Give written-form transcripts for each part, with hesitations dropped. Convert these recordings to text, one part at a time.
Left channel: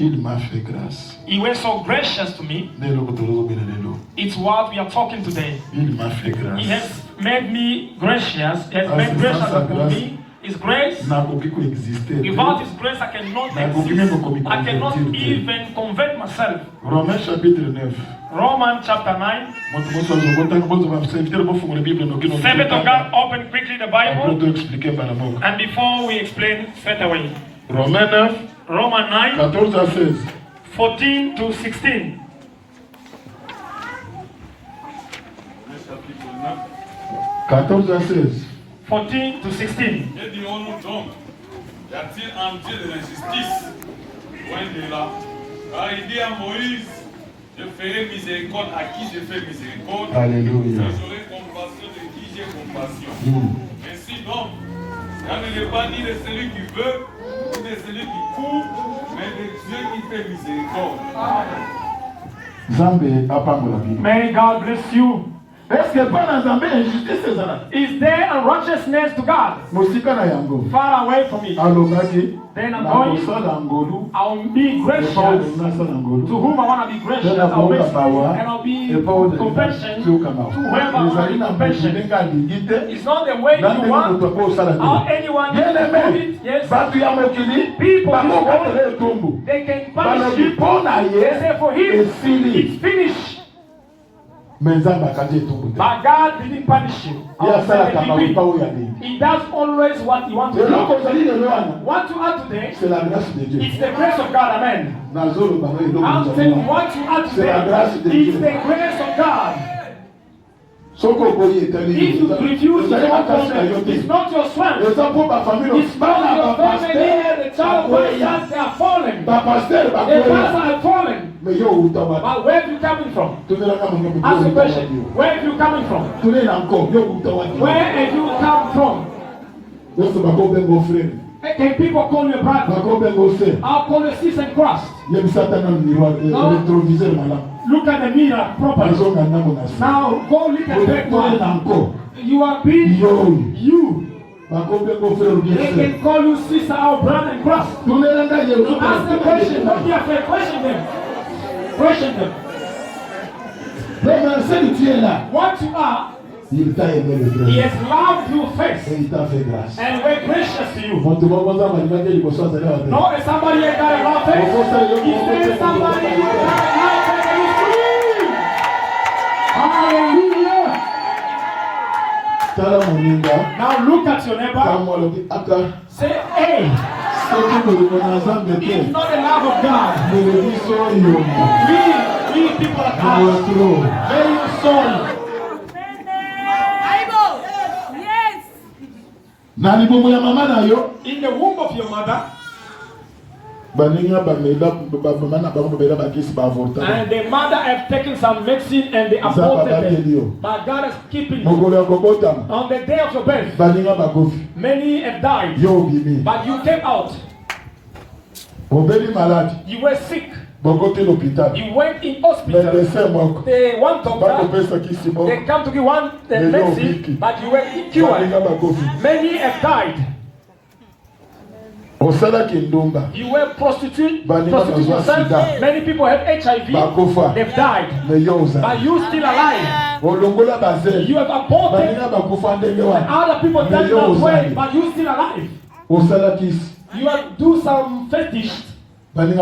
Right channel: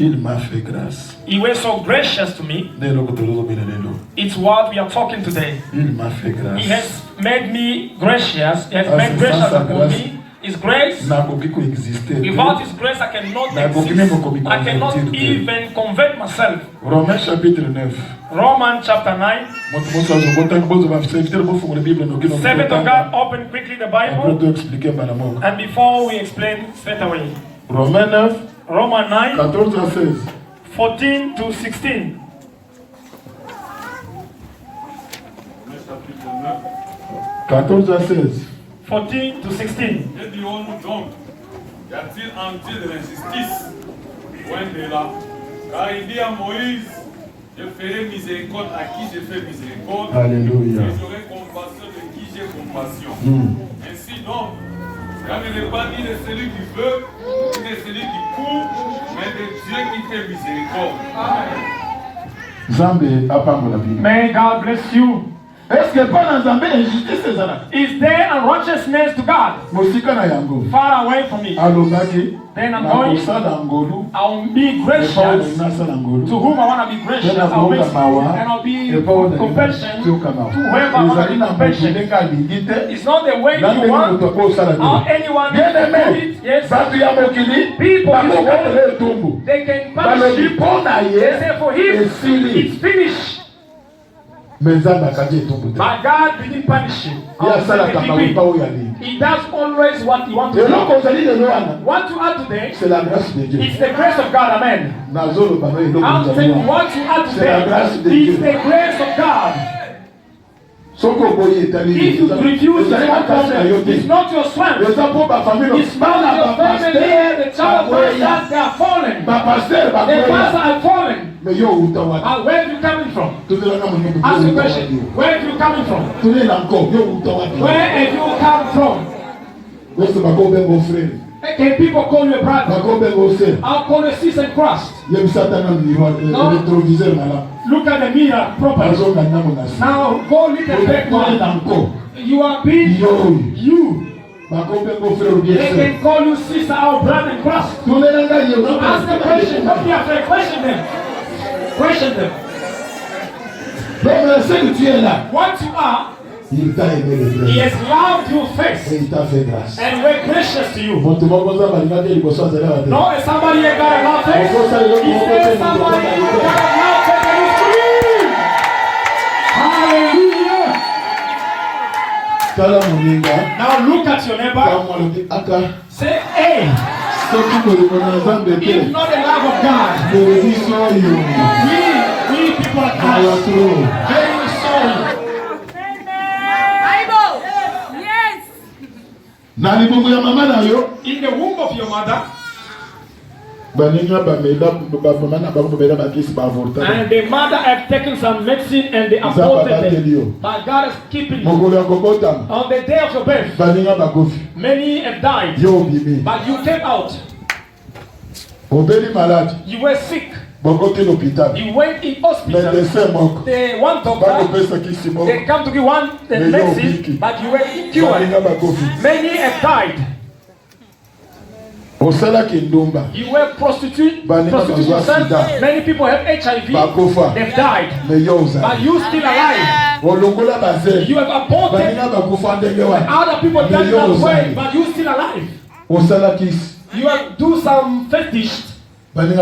Il m'a fait grâce. He was so gracious to me. It's what we are talking today. Il m'a fait grâce. He has made me gracious. He has made gracious upon me. His grace. Without His grace, I cannot exist. I cannot even convert myself. Romains chapitre 9. Romans chapter 9. Servant of God, open quickly the Bible. And before we explain straight away. Romains 9. Romans 9. 14 à 16. 14 to 16. 14 à 16. 14 to 16. Que dirons-nous donc? Y a-t-il en Dieu de l'injustice? Loin de là. Car il dit à Moïse, je ferai miséricorde à qui je fais miséricorde. Alléluia. Et j'aurai compassion de qui j'ai compassion. Ainsi donc, car ne n'est pas ni de celui qui veut, ni de celui qui court, mais de Dieu qui fait miséricorde. Zambé apambola bino. May God bless you. Est-ce que pas dans Zambé injustice c'est ça? Is there unrighteousness to God? Mosika na yango. Far away from it. Alobaki. Then I'm going. I'll be gracious to whom I want to be gracious. I'll be, and I'll be compassionate to whoever I want to be compassionate. It's not the way you want or anyone else to do it. Yes. People in this world, they can punish you. They say for him, it's finished. But God didn't punish you. He does always what He wants to do. What to add today? It's the grace of God. Amen. I'm saying what to add today is the grace of God. If you refuse to it's not your strength. It's not your family, the child of God, they are falling. The pastor are falling. But where are you coming from? Ask the question. Where are you coming from? Where have you come from? Can people call you a brother? I'll call you a sister in Christ. Look at the mirror properly. Now go look at back. You are being you. They can call you sister or brother in Christ. Ask the question. Don't be afraid. Question them. Question them. What you are, He has loved you first and we're gracious to you. No, if somebody ain't got a love first, He says somebody ain't got a love first and He's free. Hallelujah. Now look at your neighbor. Say, hey. It's not the love of God. We people are cast. Very sorry. In the womb of your mother, and the mother have taken some medicine and they aborted them. But God is keeping you. On the day of your birth, many have died, but you came out. You were sick. You went in hospital. They one doctor. They come to give one medicine, but you were cured. Many have died. You were prostitute yourself. Many people have HIV. They've died. But you still alive. You have aborted. Other people died that way, but you still alive. You have do some fetish. Many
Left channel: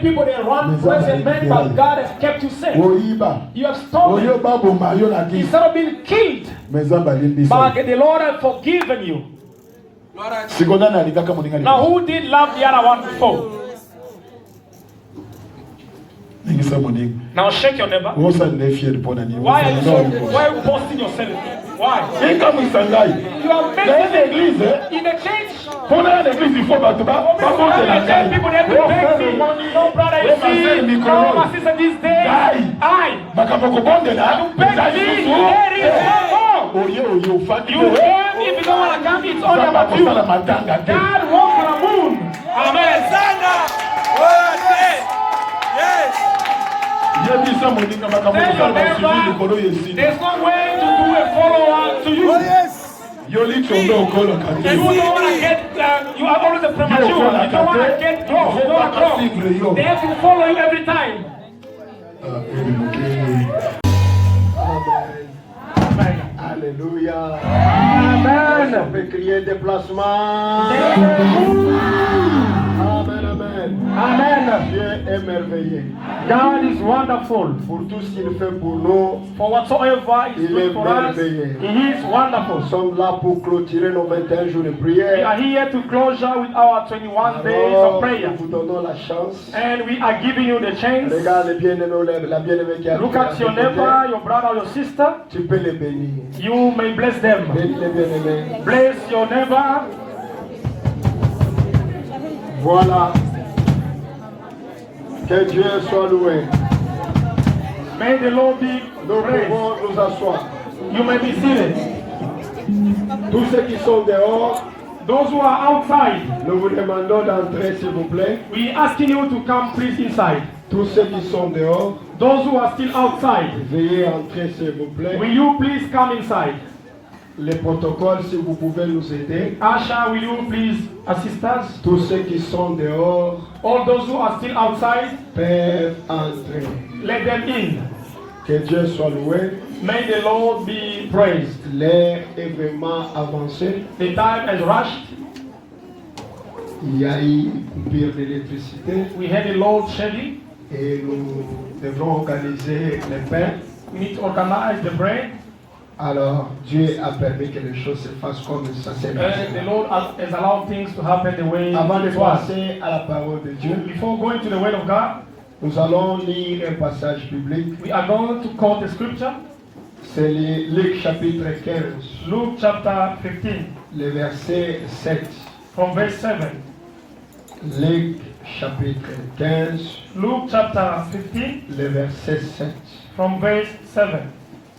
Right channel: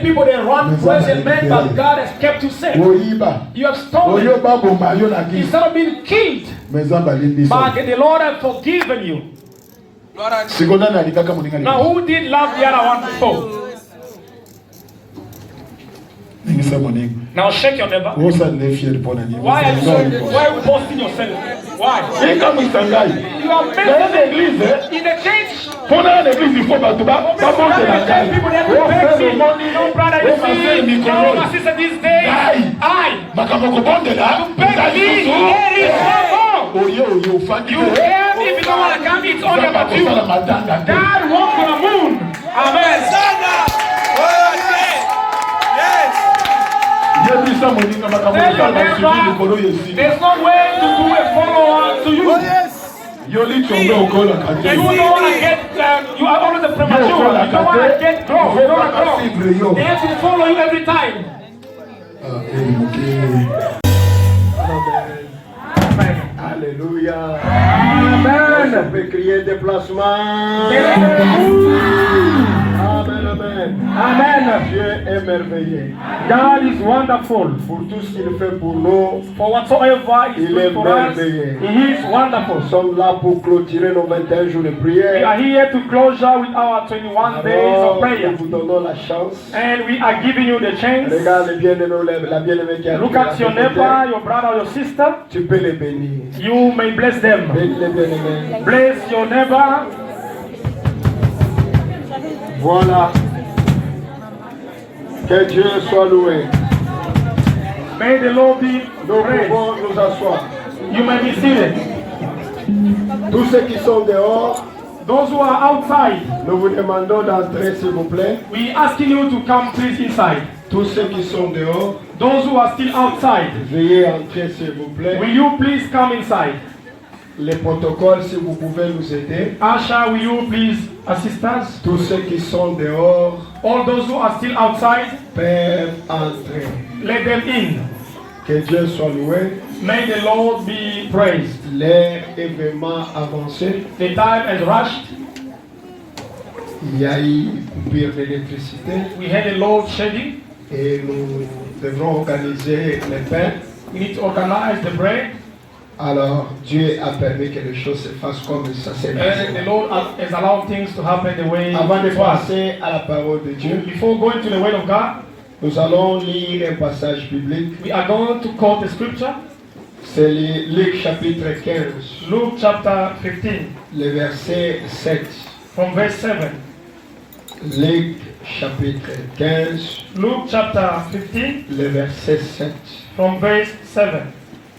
people they run present men, but God has kept you safe. You have stolen. Instead of being killed, but the Lord has forgiven you. Now who did love the other one before? Now shake your neighbor. Why are you boasting yourself? Why? You are meant in the church. People that to beg me. No brother, you see, no my sister this day. I to beg me. You came if you don't want to come, it's only about you. God walked on the moon. Amen. There's no way to do a follower to you. Yoli tombe okola kate. You don't want to get, you are always a premature. You don't want to get grow. You don't want to grow. They have to follow you every time. Amen. Alléluia. Amen. On peut crier déplacement. Amen, amen. Amen. Dieu est merveilleux. God is wonderful. Pour tout ce qu'il fait pour nous, For whatsoever is il est good for us, merveilleux. He is wonderful. Nous sommes là pour clôturer nos 21 jours de We prière. are here to closure with our 21 days of Alors, prayer. nous vous donnons la chance. And we are giving you the chance. Regarde le bien-aimé, la bien-aimée qui a Look at your neighbor, your brother, your sister. Tu peux les bénir. You may bless them. Bénis les bien-aimés. Bless your neighbor. Voilà. Que Dieu soit loué. May the Lord be Nous praised. pouvons nous asseoir. You may be seated. Tous ceux qui sont dehors, Those who are outside, nous vous demandons d'entrer s'il vous plaît. we asking you to come please inside. Tous ceux qui sont dehors, Those who are still outside, veuillez entrer s'il vous plaît. will you please come inside? Les protocoles, si vous pouvez nous aider. Asha, will you please assist us? Tous ceux qui sont dehors All those who are still outside, peuvent entrer. let them in. Que Dieu soit loué. May the Lord be praised. L'heure est vraiment avancée. The time has rushed. Il y a eu coupure d'électricité We had a load shedding. et nous devrons organiser les pains. We need to organize the bread. Alors, Dieu a permis que les choses se fassent comme ça s'est And passé. the Lord has allowed things to happen the way Avant de it was. passer à la parole de Dieu, Before going to the Word of God, nous allons lire un passage biblique. we are going to quote the scripture. C'est Luc chapitre 15, Luke chapter 15, le verset 7. from verse 7. Luc chapitre 15, Luke chapter 15, le verset 7. from verse 7.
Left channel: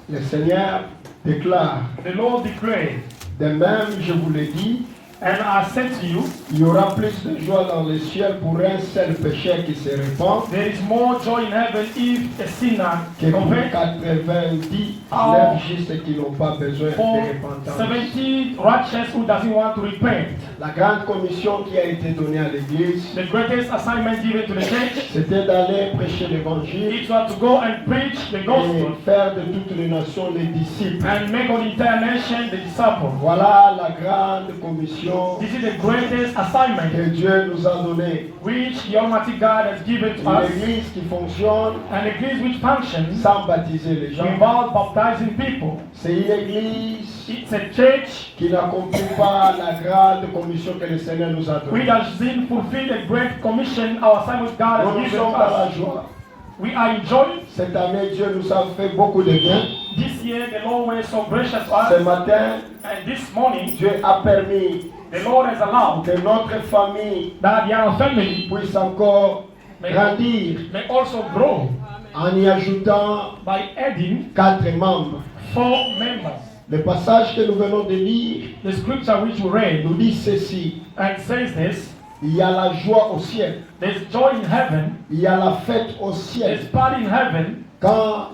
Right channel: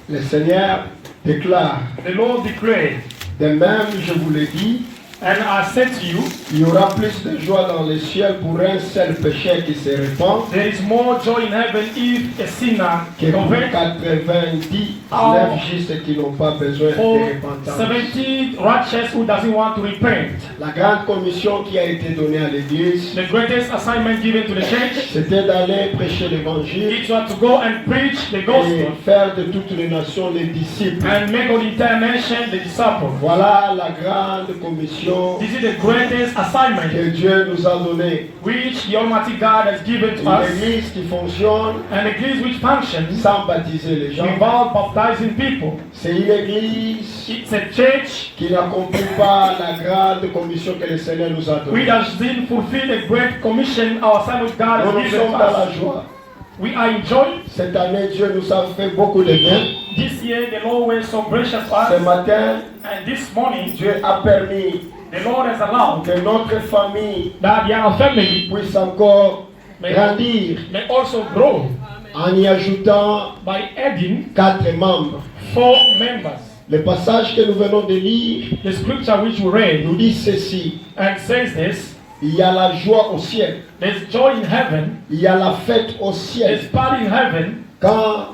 Le Seigneur déclare, The Lord declared, de même je vous le dis, and I said to you, il y aura plus de joie dans le ciel pour un seul pécheur qui se répand there is more joy in heaven if a sinner que pour converts 99 justes qui n'ont pas besoin for de repentance. 70 righteous who doesn't want to repent. La grande commission qui a été donnée à l'Église, The greatest assignment given to the church, c'était d'aller prêcher l'Évangile it was to go and preach the et gospel faire de toutes les nations les disciples. and make of the entire nation the disciples. Voilà la grande commission This is the greatest assignment que Dieu nous a donnée. which the Almighty God has given to Une us, Église qui fonctionne an église which functions sans baptiser les gens. without baptizing people. C'est une Église It's a church qui n'accomplit pas la grande commission que le Seigneur nous a which donnée. has seen fulfill the great commission our assignment God Nous has nous given sommes to dans la us. joie. We are enjoying. Cette année, Dieu nous a fait beaucoup de bien. This year the Lord was so gracious to Ce us, matin, and this morning Dieu a permis the Lord has allowed que notre famille that our family puisse encore grandir may also grow en y ajoutant by adding 4 membres. 4 members. Le passage que nous venons de lire The scripture which we read nous dit ceci. and says this: Il y a la joie au ciel. there's joy in heaven, Il y a la fête au there's ciel party in heaven quand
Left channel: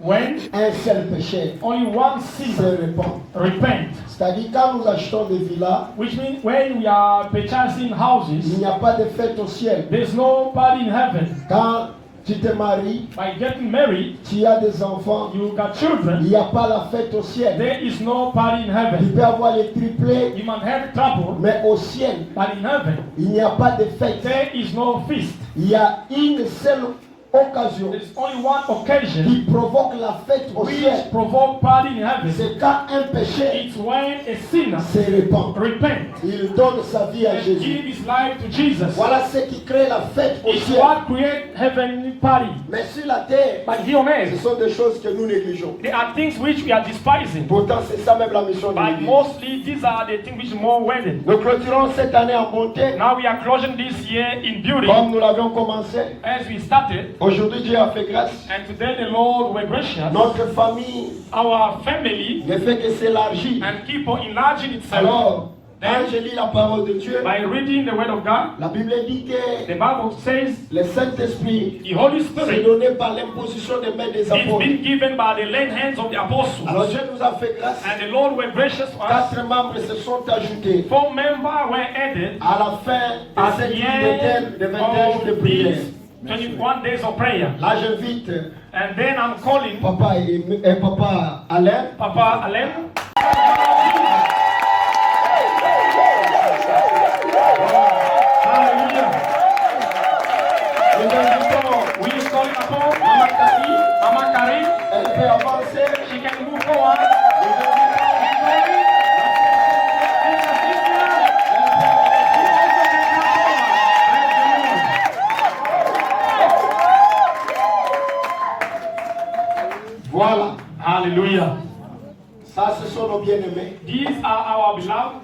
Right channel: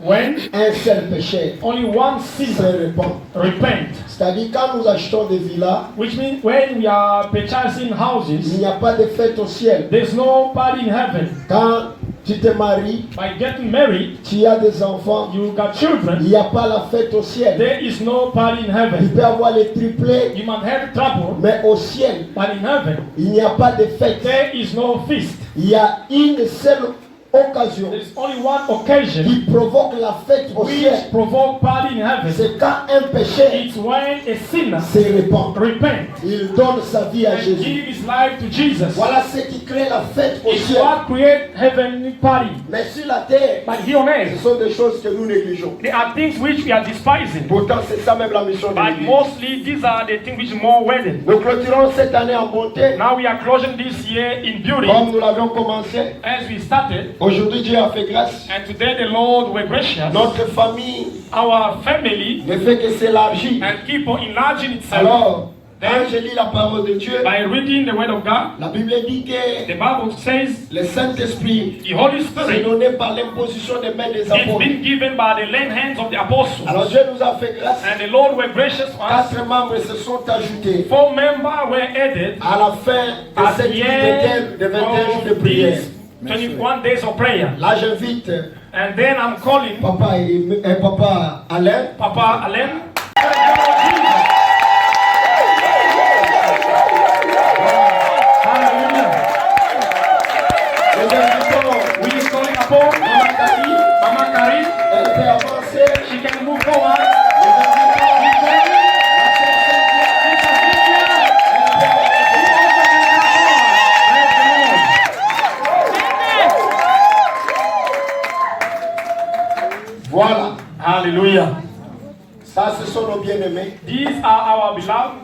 when un seul péché only one se sinner répand. repent. C'est-à-dire quand nous achetons des villas, Which means when we are purchasing il houses, n'y a pas de fête au ciel. there's no party in heaven. Quand tu te maries, By getting married, tu as des enfants, you got il children, n'y a pas la fête au ciel. there is no party in Il heaven. peut y avoir les triplés, You might have trouble, mais au ciel, but in heaven, il n'y a pas de fête. there is no feast. Il y a une seule occasion There's only one occasion qui provoque la fête au which ciel. provoke party in heaven. C'est quand un péché It's when a sinner se répand. repent Il donne sa vie à and Jésus. give his life to Jesus. Voilà ce qui crée la fête au It's ciel. what create heavenly party. Mais sur la terre, But here on ce earth, sont des choses que nous négligeons. there are things which we are despising. Pourtant, c'est ça même la mission de But l'Église. mostly these are the things which are more wedded. Nous clôturons cette année en bonté, Now we are closing this year in beauty comme nous l'avions commencé. as we started. Aujourd'hui, Dieu a fait grâce. And today the Lord were gracious. Notre famille Our family ne fait que s'élargir. and keep on enlarging itself. Alors, Quand je lis la parole de Dieu, by reading the word of God, la Bible dit que the Bible says le Saint-Esprit the Holy s'est Spirit donné par l'imposition des mains des is apôtres. being given by the lame hands of the apostles. Alors Dieu nous a fait grâce. And the Lord were gracious to us. 4 membres se sont ajoutés 4 members were added à la fin de at cette the vingtaine de 21 jours de end prière. of these 21 days of prayer. Là, j'invite And then I'm calling Papa et Papa Alain. Papa Alain. Hallelujah. Nous invitons We is calling upon Mama Carrie. elle peut avancer. She can move forward. Voilà. Hallelujah. Ça, ce sont nos bien-aimés, These are our beloved,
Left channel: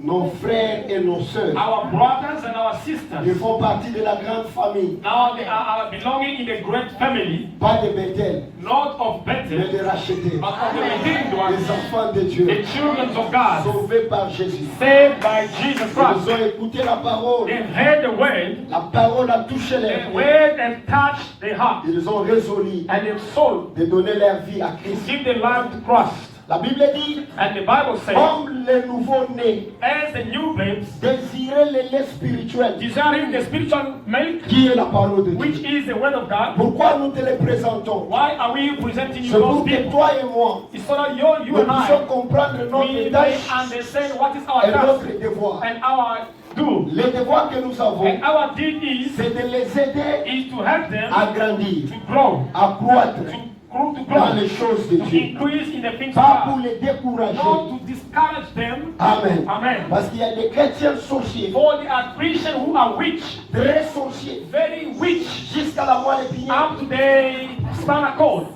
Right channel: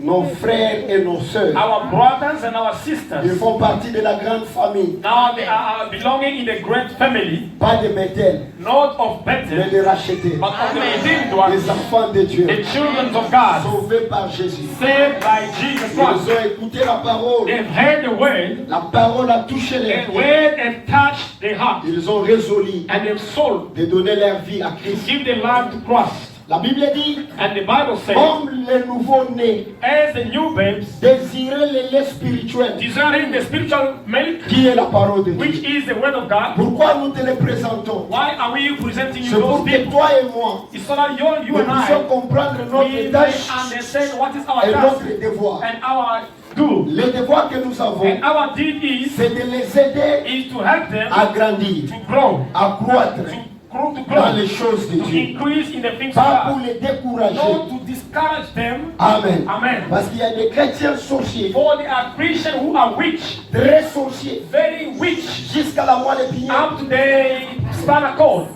nos frères et nos sœurs. our brothers and our Ils sisters. font partie de la grande famille. Now they are belonging in the great family, Pas de Bethel, not of mais Bethel, de rachetés. but of the redeemed Les ones, enfants de Dieu, the children of God, sauvés par Jésus. saved by Jesus Ils Christ. ont écouté la parole. They've heard the word, La parole a touché les the cœurs. word and touched their heart Ils ont résolu and their soul de donner leur vie à to Christ. give their life to Christ. La Bible dit, And the Bible says, comme les nouveaux-nés as the new babes, désiraient le lait spirituel, desiring the spiritual milk, qui est la parole de which Dieu. is the word of God. Pourquoi nous te les présentons? Why are we presenting you C'est those pour que people? toi et moi, It's so that you nous and puissions I, comprendre we notre may tâche understand what is our et task notre devoir. and our do. Le devoir que nous avons, And our deed is c'est de les aider to help them à grandir, to grow, à croître to dans grow, les choses de to Dieu. increase in the things of Pas pour God, les décourager. not to discourage them. Amen. Amen. Parce qu'il y a des chrétiens sorciers, For there are Christians who are witch, très sorciers, very witch, jusqu'à la moelle épinière. up to the spinal cord.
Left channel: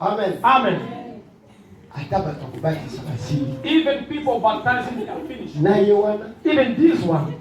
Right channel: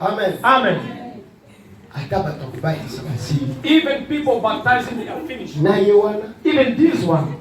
Amen. Amen. C'est facile. Even people baptizing, they are finished. Na Yohana. Even this one.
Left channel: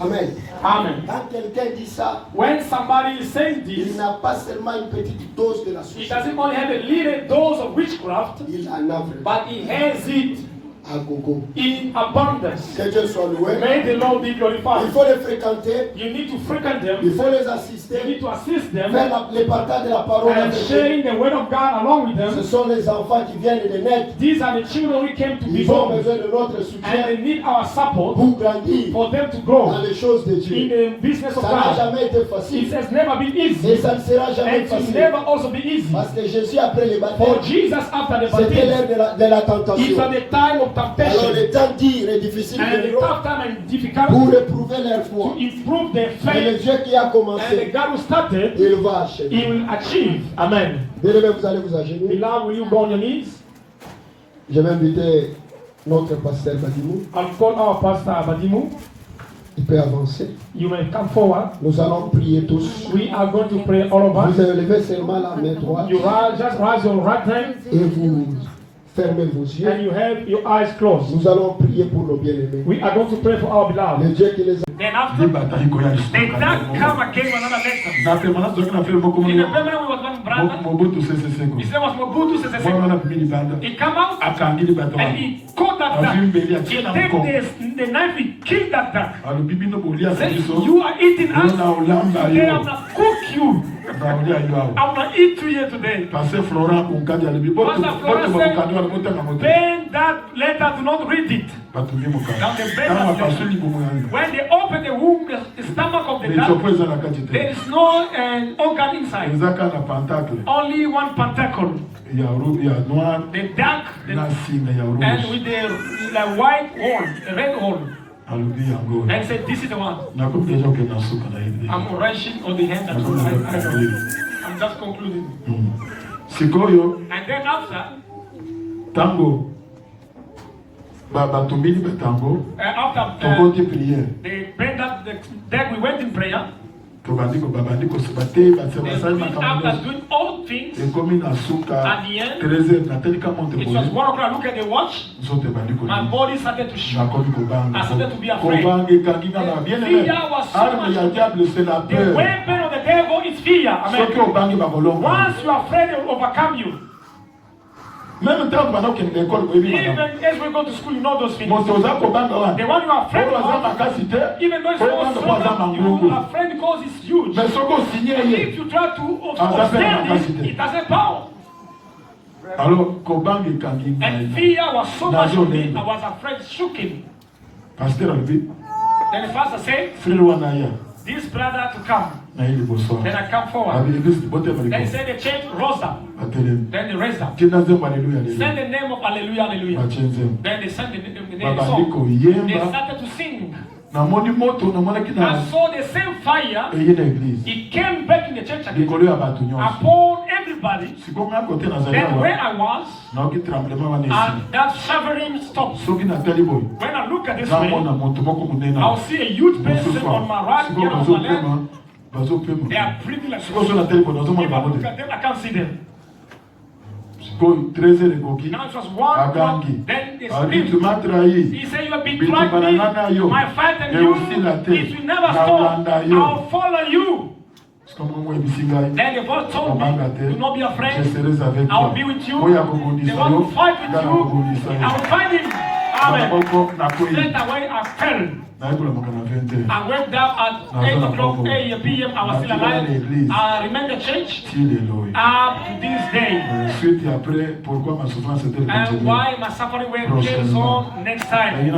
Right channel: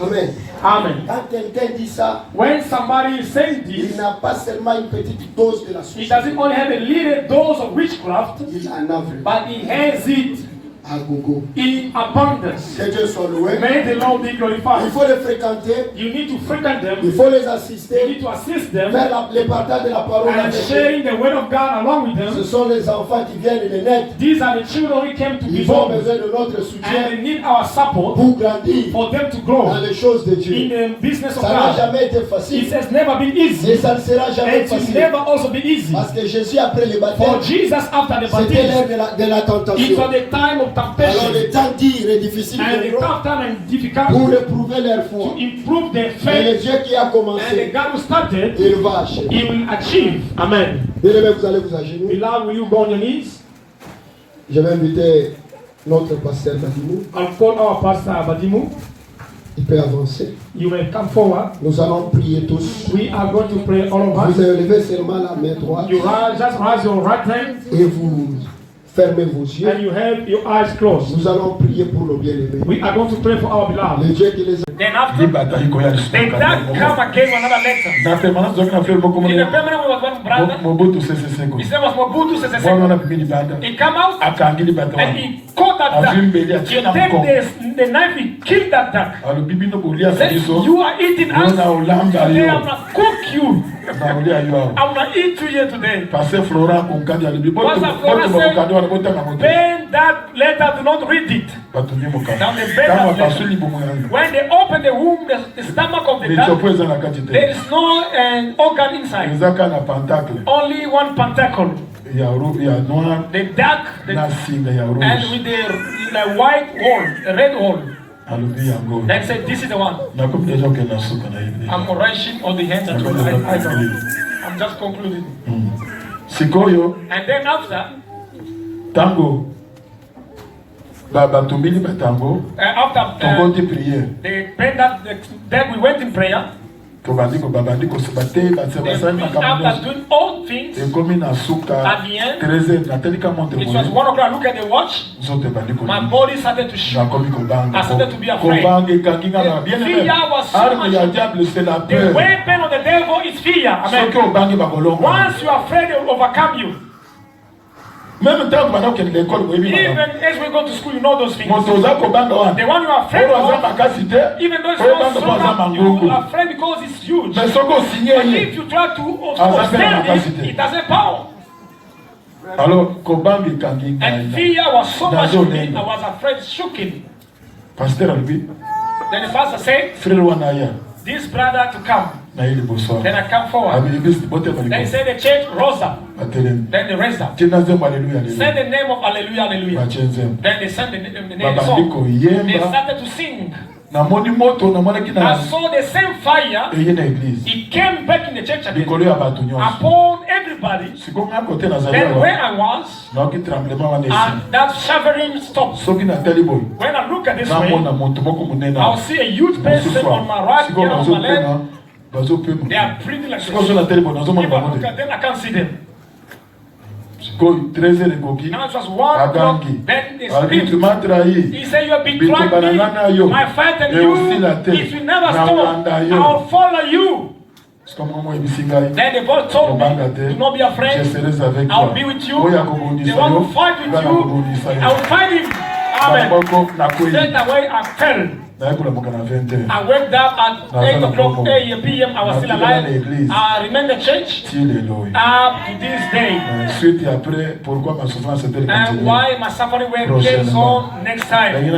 Amen. Amen. Quand quelqu'un dit ça, When somebody is saying il this, n'a pas seulement une petite dose de la he sorcellerie, doesn't only have a little dose of witchcraft, il en a vraiment but he has it à gogo. in abundance. Que Dieu soit loué. May the Lord be Il glorified. faut les fréquenter, You need to frequent them. il faut les You assister, need to assist them faire le partage de la parole and avec eux. sharing the word of God along with Ce them. sont les enfants qui viennent de naître. These are the children who came to be Ils ont born, besoin de notre and soutien they need our support pour grandir for them to dans grow les choses de in Dieu. the business of Ça n'a God. jamais été It facile has never been et easy, ça ne sera and jamais it will facile. never also be easy. Parce que Jésus, après le For baptême, Jesus, after the c'était l'heure baptism, de la it tentation. was the time of Alors temptation, les temps durs et difficiles and the viendront tough time and pour difficult éprouver leur foi. to improve their Mais le faith, Dieu qui a and the commencé, God who started, il va achever. He will achieve. Amen. Bien-aimés, vous allez vous agenouiller. Beloved, will you go on your knees? Je vais inviter notre pasteur Badimou. I'll call our pastor Abadimu. Il peut avancer. You may come forward. Nous allons prier tous. We are going to pray, all of Vous us. élevez seulement la main droite You just raise your right hand et vous fermez vos yeux. and you have your eyes closed. Nous allons prier pour nos bien-aimés. We are going to pray for our beloved. Le Dieu qui les a. Then after, then that come again another letter. na permanence zoki na feli moko In the mona permanent of one brother, mobutu sese seko his name was Mobutu Sese mwana Seko. wana pimili banda He come out akangili bato and wana he caught that duck. He take the knife, he killed that duck. alobi bino bolia Said, biso you are eating us. Nona ulamba Today yo. I'm gonna cook you. baolia yo awo I'm gonna eat you here today. parce Florent konkadi alobi boto Pastor Florent bokokadi wana botanga moto Then that letter, do not read it. batumbi mokadi Now the better kama letter. pasuli bomo yango When they open the womb, the stomach of the etiopo duck, eza na kati there te is no organ inside. ezaka na pentacle Only one pentacle. ya noir The duck, na singa ya and rouge with the white hole, a red hole. alobi yango Then said, this is the one. nakomi deja okende na suka na ye I'm rushing on the hands and I know. I'm just concluding. sikoyo And then after, tango batumbili batango after tokoti priere they prayed that, then we went in prayer. babandi koseba te batia basali After makambo doing all things, ekomi na suka at the end, 13 natelika montre it was 1 o'clock. Look at the watch. nzoto ebandi My body started to shake. nakomi kobanga I started to be afraid. kobanga ekangi nga na bien Fear was so arme ya much. diable c'est la The peur weapon of the devil is fear. soki Amen. obangi bakolonga Once you are afraid, they will overcome you. Même temps que l'école, Even as we go to school, you know those things. The one you are afraid of, even though it's not strong, you are afraid because it's huge. But if you try to stand it, it has a power. And fear was so much in me, I was afraid, shaking. Then the pastor said, this brother to come. Then I come forward. Then he said the church rose up. Then they raised up. Said the name of Hallelujah, Hallelujah. Then they sang the name of song. They started to sing. I saw the same fire. It came back in the church again upon everybody. Then where I was, and that shivering stopped. When I look at this way, I'll see a huge person on my right here on my left. They are breathing like this. If I look at them, I can't see them. Now it was 1 o'clock, then they screamed. He said, you have betrayed me, my fight and you, it will never stop. I'll follow you. Then the Lord told me, do not be afraid, I'll be with you. They want to fight with you, I will fight him. Amen. Straight away I fell. I woke up at 8 o'clock p.m. I was still alive. I remained in the church up to this day. And why my suffering came on next time? I would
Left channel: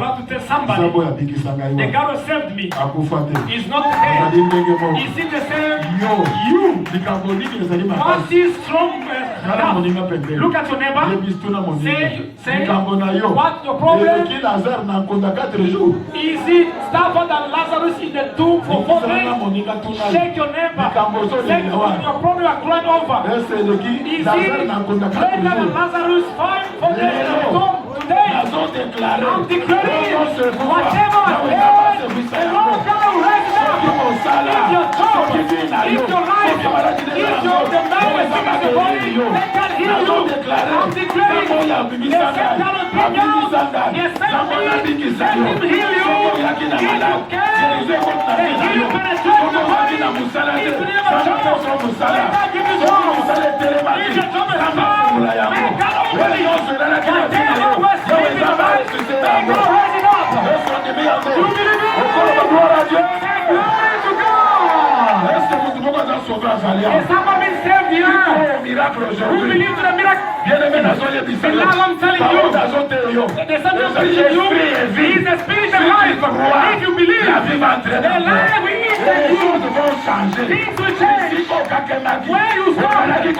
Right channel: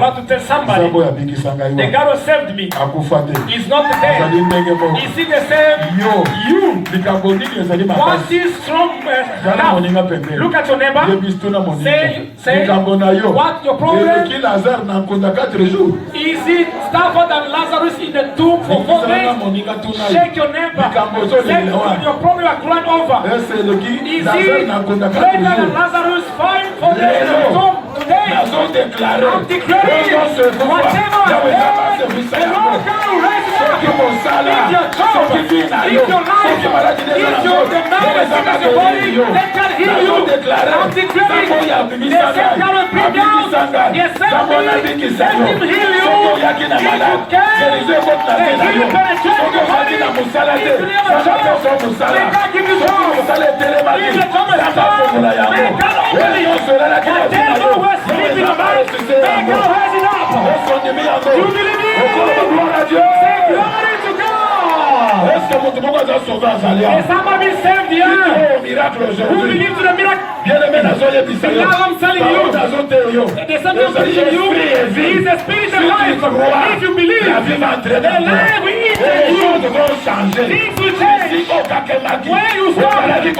like to tell somebody, the God who saved me is not the same. Is he the same? You. Once he's strong enough, look at your neighbor. Say what your problem? Is it Stafford and Lazarus in the tomb for 4 days? Shake your neighbor. Say your problem are crying over. Is it greater than Lazarus 4 days in the tomb today? I'm declaring whatever the Lord God raise up. If your child, if your life, if your marriage, if your body, let God heal you. I'm declaring the same God will bring down. Yes, let him heal you. If you can, the healing penetrate your body. If your child, let God give you joy. If your job is strong, let God open it. Whatever we're sleeping about, let God raise it up. You believe it? Say glory to God. Is somebody saved here? Who believes in the miracle? Now I'm telling you, there's something teaching you. He's a spirit of life. If you believe, the life we eat and you, things will change. Where you stop, you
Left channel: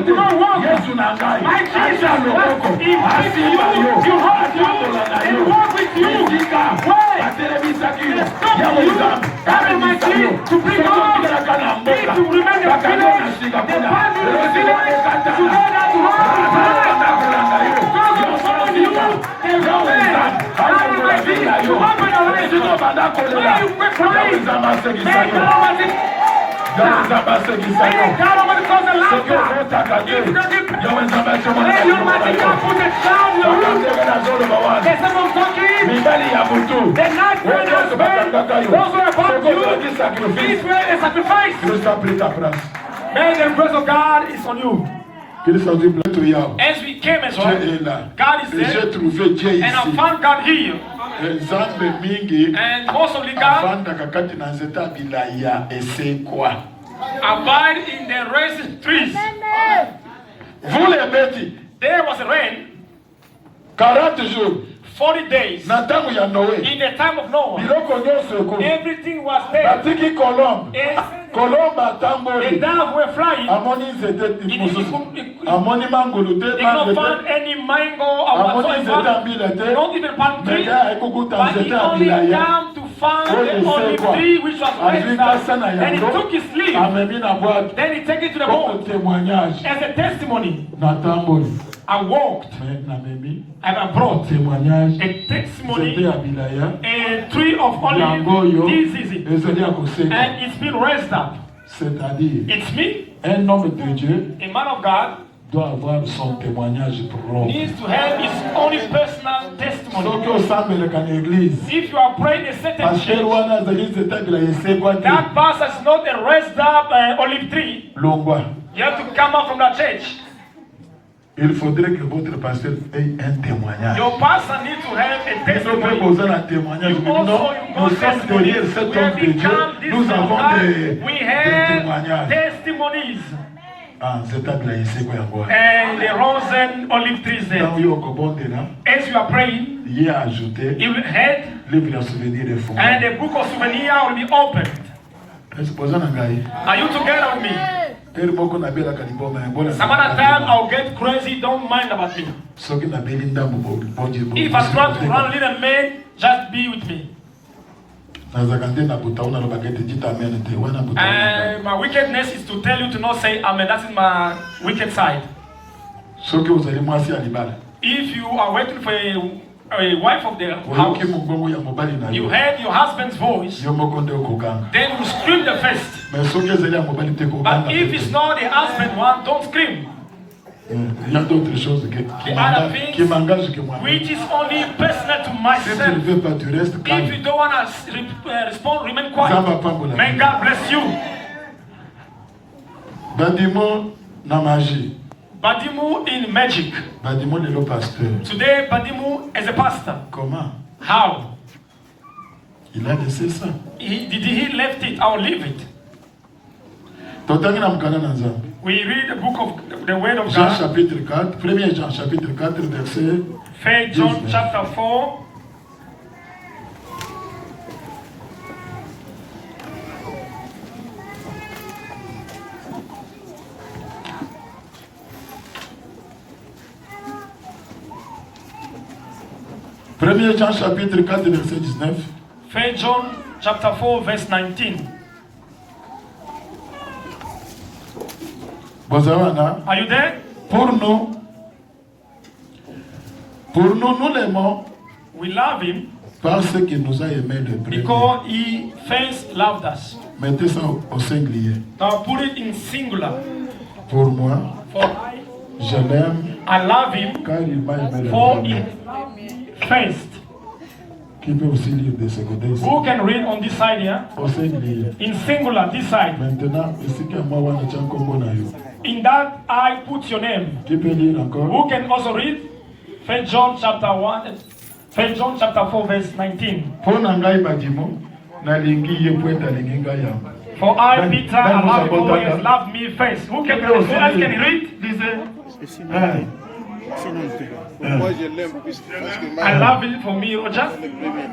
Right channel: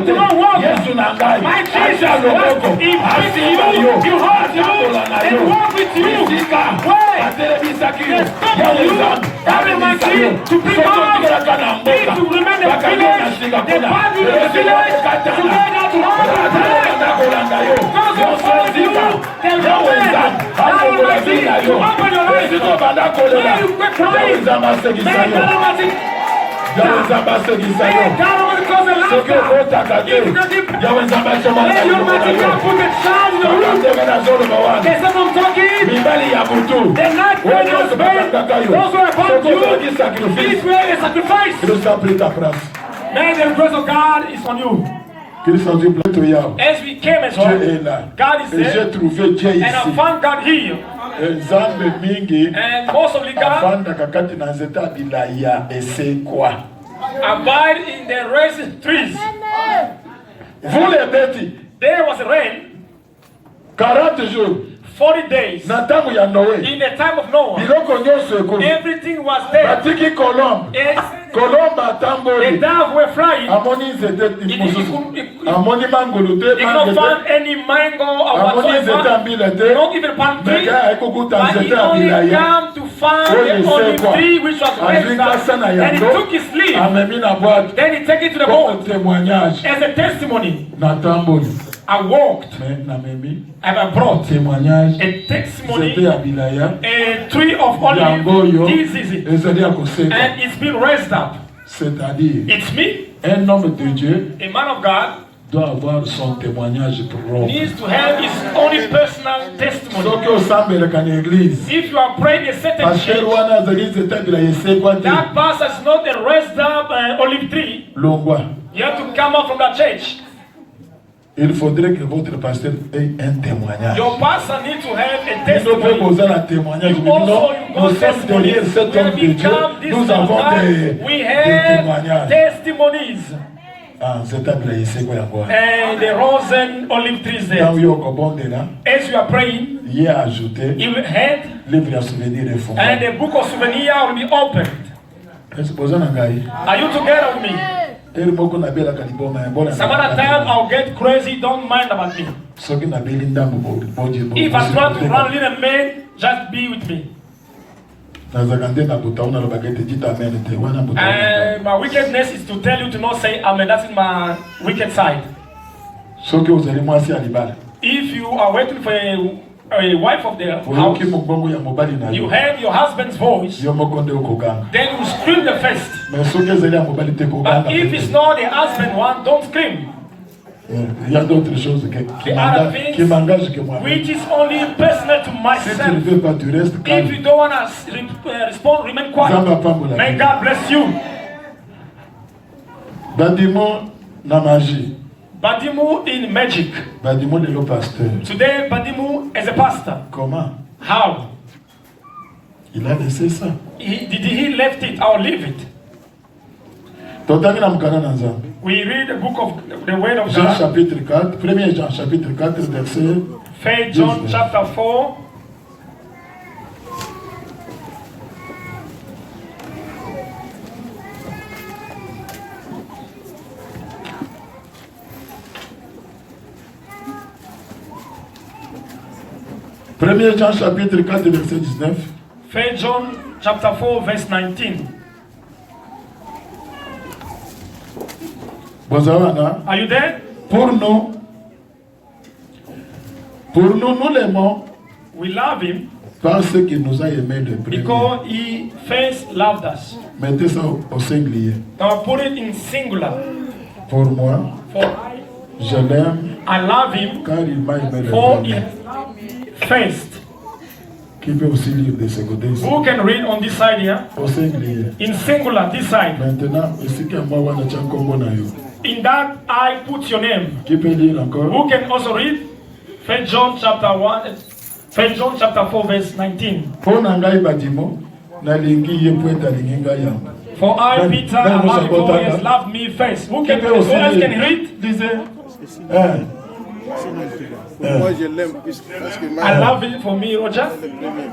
do not walk. My Jesus was in you, you hold you, and walk with you. Where? Having my key to bring out. If you remain the village, the body of the village, today not tomorrow. Because you follow you, the woman, you open your eyes, where you quit crying, make calamity. Make calamity cause a laughter. If not the where you want to put a child in the room, there's someone talking, they're not ready to spend, those who are about you, this way a sacrifice. May the grace of God is on you. As we came as well, God is there, and I found God here. And most of the God abide in the raisin trees. There was rain 40 jours 40 days. Na tangu ya Noe. In the time of Noah, everything was there. Batiki Colombe atamboli. The doves were flying. Amoni zete amoni mangolo te. They not found any mango or whatsoever. Not even palm tree. But he only came to find the only tree which was raised up. And he took his leaf. Then he took it to the boat as a testimony. I walked. I brought a testimony, a tree of olive. This is it. And it's been raised up. It's me. A man of God needs to have his own personal testimony. If you are praying a certain church, that pastor is not a raised up olive tree. You have to come out from that church. Il faudrait que votre pasteur ait un témoignage. Your pastor needs to have a Il faut testimony. poser un témoignage. You Non, also nous sommes derrière cet homme de Dieu. Nous avons we des have témoignages. testimonies. Ah, c'est un plaisir, c'est quoi encore? And the Rosen olive trees there. Quand vous comprenez là, As you are praying, il y a ajouté you will head, livre à souvenir de fond. and the book of souvenir will be opened. Est-ce que vous en avez? Are you together with me? Some other time I'll get crazy, don't mind about me. If I try to run little man, just be with me. And my wickedness is to tell you to not say amen. That is my wicked side. If you are waiting for a wife of the house, you heard your husband's voice, then you scream the first. But if it's not the husband one, don't scream. Il y a d'autres choses qui m'engagent que moi. Which is only personal to myself. Si tu ne veux pas, tu restes calme. If you don't want to respond, remain quiet. May God bless you. Badimu na magie. Badimu in magic. Badimu est le pasteur. Today, Badimu is a pastor. Comment? How? Il a laissé ça. Did he left it or leave it? We read the book of the Word of Jean God. chapitre 4, 1 Jean chapitre 4, verset 1 John chapter 4. Premier Jean chapitre 4, verset 19. 1 John chapter 4, verse 19. Are you there? Pour nous, nous l'aimons We love him parce qu'il nous a aimés de premier. because he first loved us. Mettez ça au singulier. Now put it in singular. Pour moi, For je l'aime I love him car il m'a aimé de for he premier. loved me first. Qui peut aussi lire de ce côté ici? Who can read on this side here? Au singulier. In singular, this side. Maintenant, ici que moi, on a déjà un combo na yo. In that I put your name. Qui peut lire encore? Who can also read? 1 John chapter 1, 1 John chapter 4, verse 19. Pour nangai badimo, na lingi ye poeta lingi ngaya. For I, Then- Peter, then have who's loved about you, that? has loved me first. Who Qui can peut who aussi else lire? can read? Disait, Moi je l'aime parce que I love him for me, Roger.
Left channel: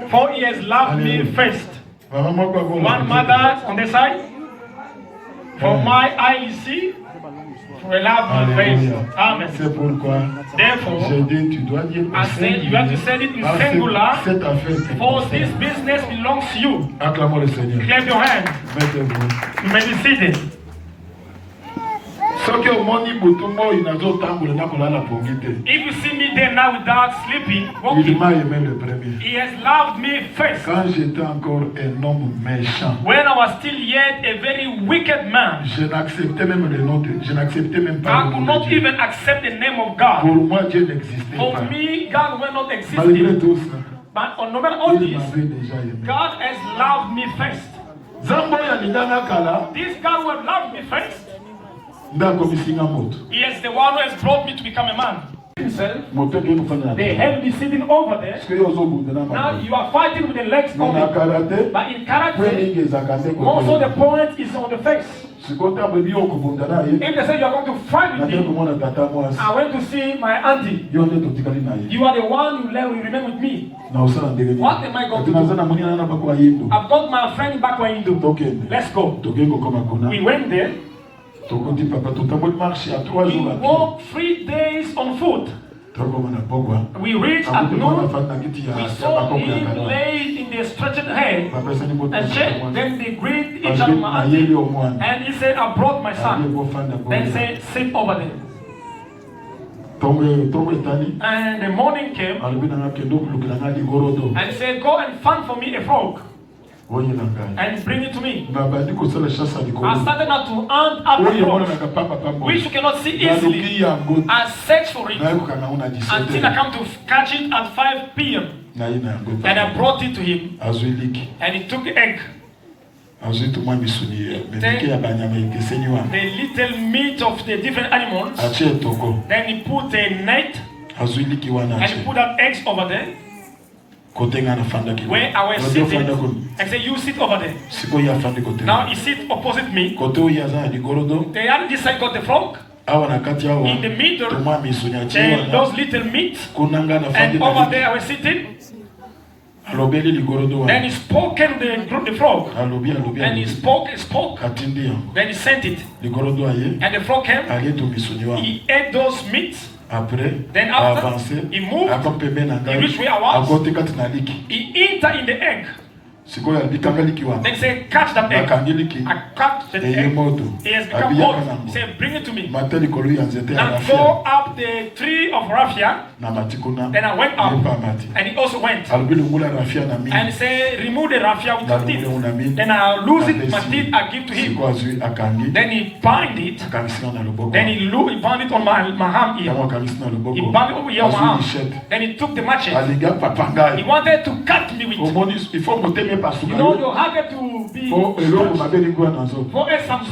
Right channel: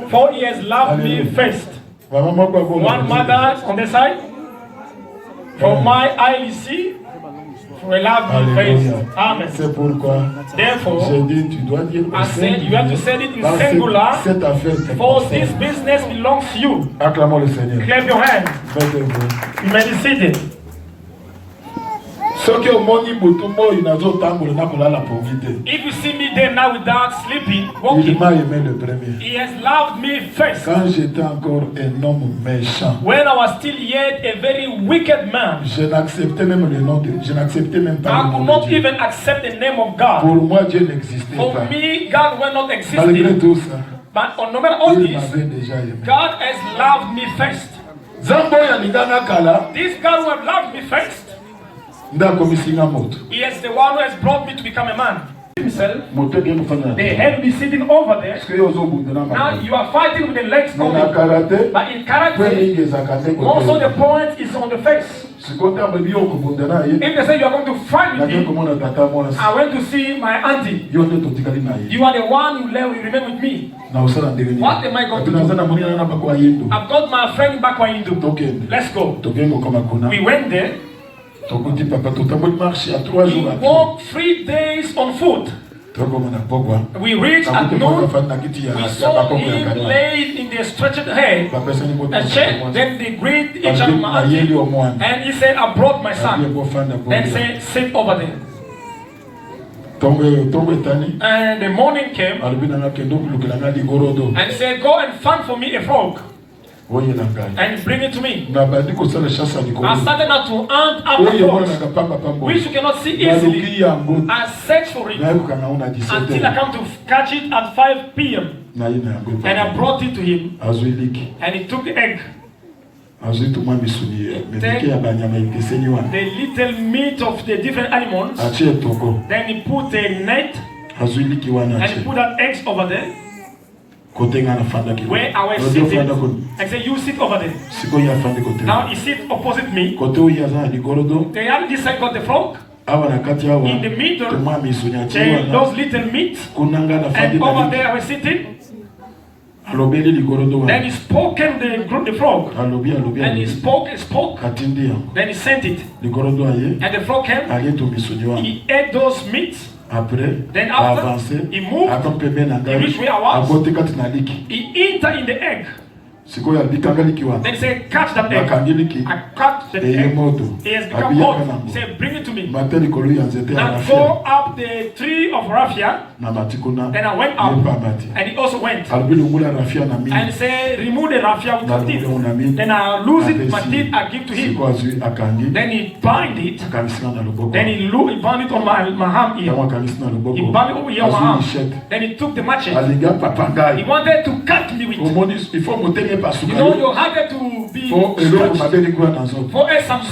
For he has loved me first. Vraiment, moi, quoi, bon, One mother on the side. For my eye see, for he loved me Alléluia. first. Amen. C'est pourquoi Therefore, j'ai dit, tu dois dire I said you have to say it in Parce que singular. cette affaire te For concerne. this business belongs to you. Acclamons le Seigneur. Clap your hands. Mettez-vous. You may be seated. Soki omoni butu moi nazotambola nakolala pongi te. If you see me there now without sleeping, Il walking, m'a aimé le premier. he has loved me first. Quand j'étais encore un homme méchant, When I was still yet a very wicked man, je n'acceptais même le nom de, je n'acceptais même pas I le could nom not de Dieu. even accept the name of God. Pour moi, Dieu n'existait For pas. me, God will not Malgré exist. tout ça, But on no matter all il this, m'avait déjà aimé. God has loved me first. Zambo ya liganga kala, This God who has loved me first, ndakomisinga moto. he is the one who has brought me to become a man. Himself, Moto ke kufanya. they have me sitting over there. Parce que yozo bundana Now ma. you are fighting with the legs Na only. karate, But in kwe karate, lingi zakande also the kote. point is on the face. Sikota bebi yo kubundana ye. If they say you are going to fight Na with ke me, komona tata mwasi. I went to see my auntie. Yo nde totikali na ye. You are the one who remain with me. Na usala ndenge ni. What am I going to do? Tunazana munina na bakwa yindu. I've got my friend back where Hindu. Tokende. Let's go. Tokengo kama kuna. We went there. Tokuti papa tutambuli marche à 3 We jours à pied. walked 3 days on foot. Tokoma na pokwa. We reached at Akute kwa noon. fana na kiti ya We ya saw bakoko ya him kana. laid in the stretched head Papa sani moto. and said, then they greet each Parce other. que na yeli o mwana. And he said, I brought my Aliye son. bo fana bo. Then said, sit over there. Tongo etani. And the morning came Alibina na kendo kulukila na ligorodo. and said, go and find for me a frog Oye na ngai. and bring it to me. Na bandi ko sala shasa I ligorodo. started now to hunt after Oye mwana frogs, na kapamba pambo. which you cannot see Na easily. luki ya mbo. I searched for it Na yuko kana una until I 17. come to catch it at 5 p.m. Na ina ngo. And I brought it to him Azwiliki. and he took the egg. the little meat of the different animals. Then he put a net and he put that eggs over there. Where I was sitting, and said, you sit over there. Now he sits opposite me. They had this side got the frog. In the middle, those little meat. And over there I was sitting. Then he spoke to the frog. And he spoke. Then he sent it. And the frog came. He ate those meats. Then after, he moved. He reached where I was. He entered in the egg. Then say, catch that egg. I catch the egg. He has become hot. He said, bring it to me. And go up the tree of raffia. Then I went up. And he also went. And he said, remove the raffia with your teeth. Then I lose it, my teeth, I give to him. Then he bind it. Then he bound it on my arm here. He bound it over here on my arm. Then he took the machete. He wanted to cut me with it. You know, your heart to be for something.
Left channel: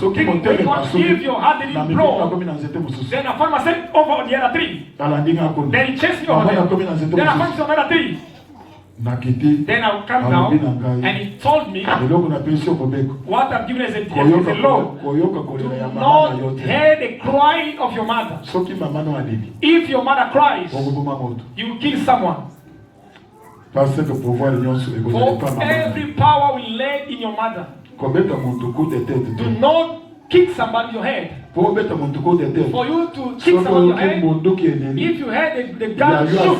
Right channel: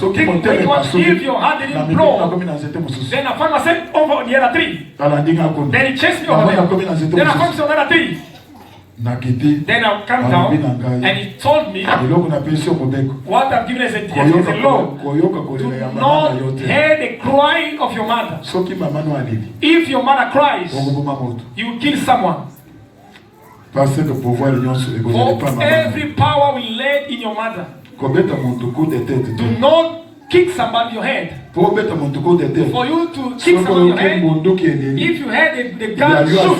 When you want to give your heart didn't blow, then I found myself over the other tree. Then he chased me over there. Then I found myself on the other tree. Then I come down and he told me what I've given as a law. Do not hear the crying of your mother. If your mother cries, you will kill someone. For every power will lay in your mother. Do not kick somebody in your head. For you to kick somebody in your head, if you had the gun shoot,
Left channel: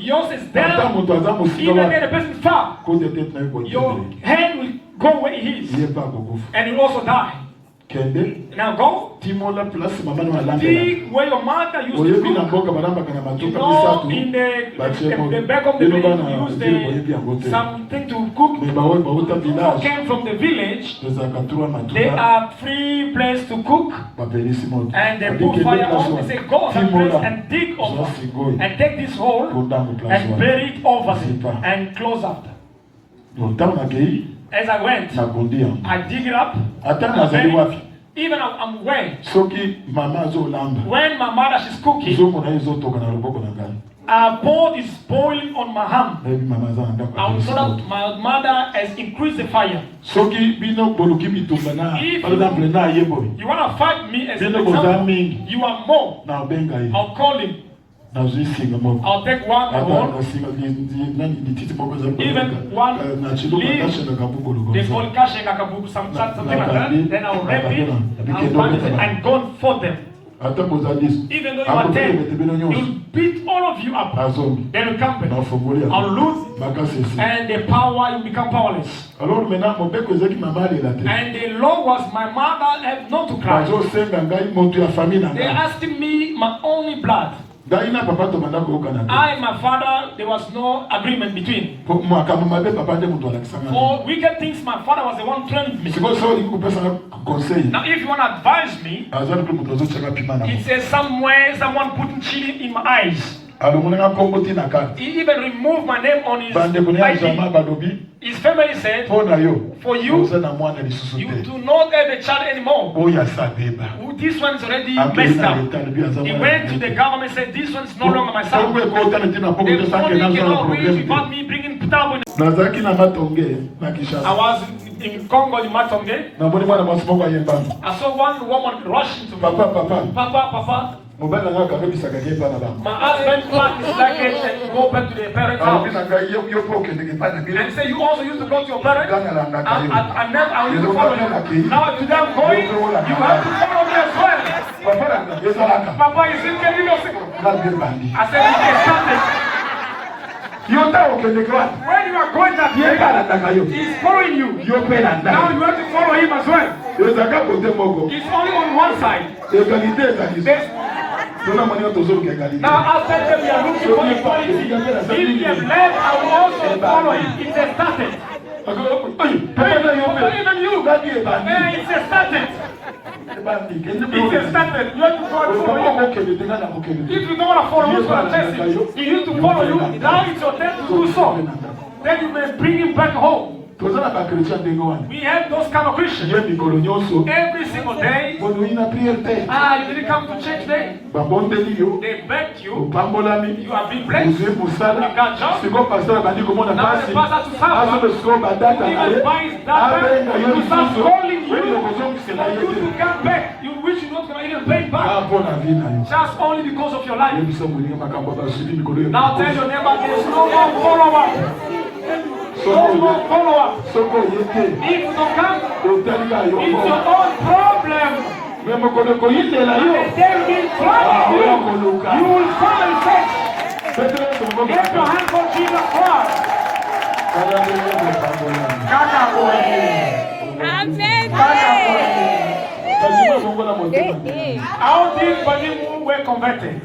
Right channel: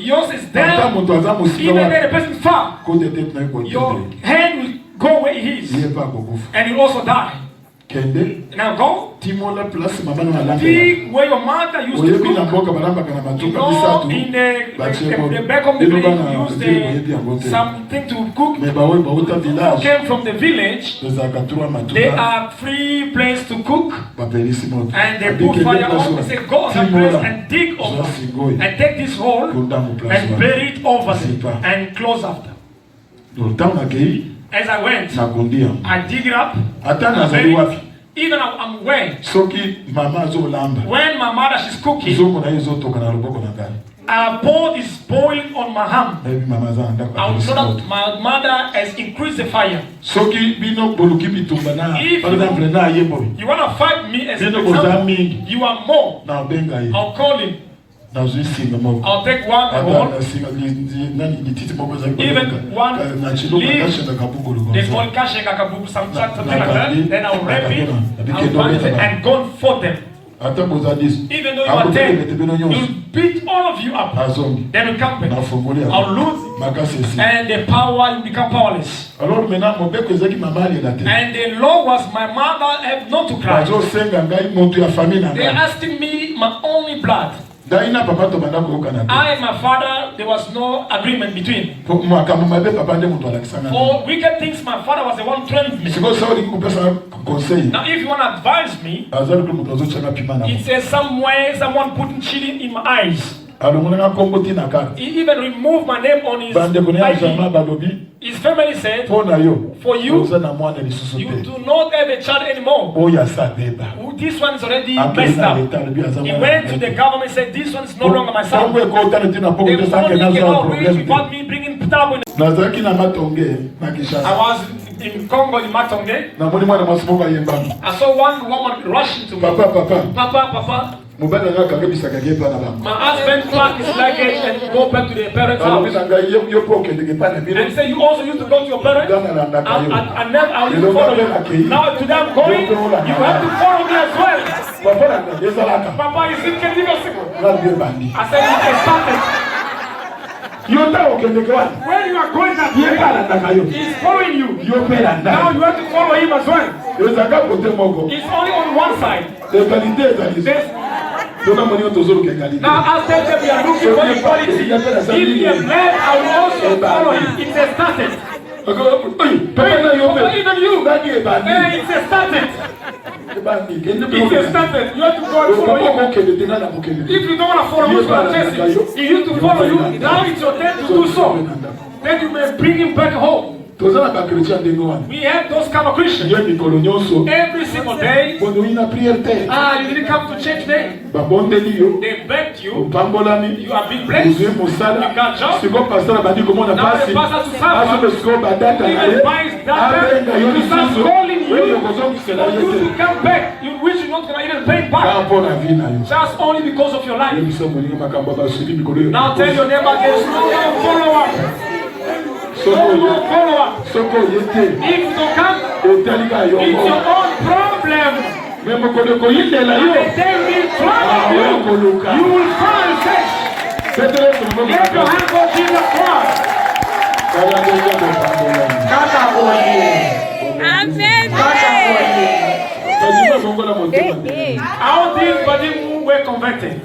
yours is down, even when the person fell, your head will go where he is, and you also die. Now go. Pick where your mother used to cook. You know, in the back of the village, used something to cook. Who came from the village, they are free place to cook. And they put fire on. They say, go on that place and dig over. And take this hole and bury it over there and close after. As I went, I dig it up. Even I'm where? When my mother she's cooking, our bowl is boiling on my hand. I will so that my mother has increased the fire. If you want to fight me as an example, you are more. I'll call him. I'll take one horn, even one leaf, they call kashengakabuku, something like that. Then I'll wrap it, I'll bind it, and go for them. Even though you are 10, you'll beat all of you up. Then you come back. I'll lose, and the power will become powerless. And the law was my mother have not to cry. They are asking me my only blood. I and my father, there was no agreement between. For wicked things, my father was the one training me. Now, if you want to advise me, it says somewhere someone putting cheating in my eyes. He even removed my name on his ID. His family said, for you, you do not have a child anymore. This one's already messed up. He went to the government and said, this one's no longer my son. The family cannot reach without me bringing trouble. I was in Congo, in Matonge. I saw one woman rushing to me. Papa. My husband back is luggage and go back to the parents' house. And say, you also used to go to your parents? And then I will follow you. Now today I'm going, you have to follow me as well. Papa, you think I said, you when you are going that way, he's following you. Now you have to follow him as well. It's only on one side. Now I'll tell them we are looking for equality. If he has led, I will also follow him. It's a started. Even you. It's a started. It's a started. You have to go and follow him. If you don't want to follow him, he used to follow you. Now it's your turn to do so. Then you may bring him back home. We have those kind of Christians. Every single day. You didn't come to church day. They begged you. You have been blessed. You got jobs. Now the pastor to suffer. Even finds that to start calling you. For you to come back. You wish you're not going to even pay back. Just only because of your life. Now tell your neighbor there's no follow up. If you don't come, it's your own problem. They will trouble you. You will fall in faith. Get your hands on Jesus Christ. All these bodies who were converted.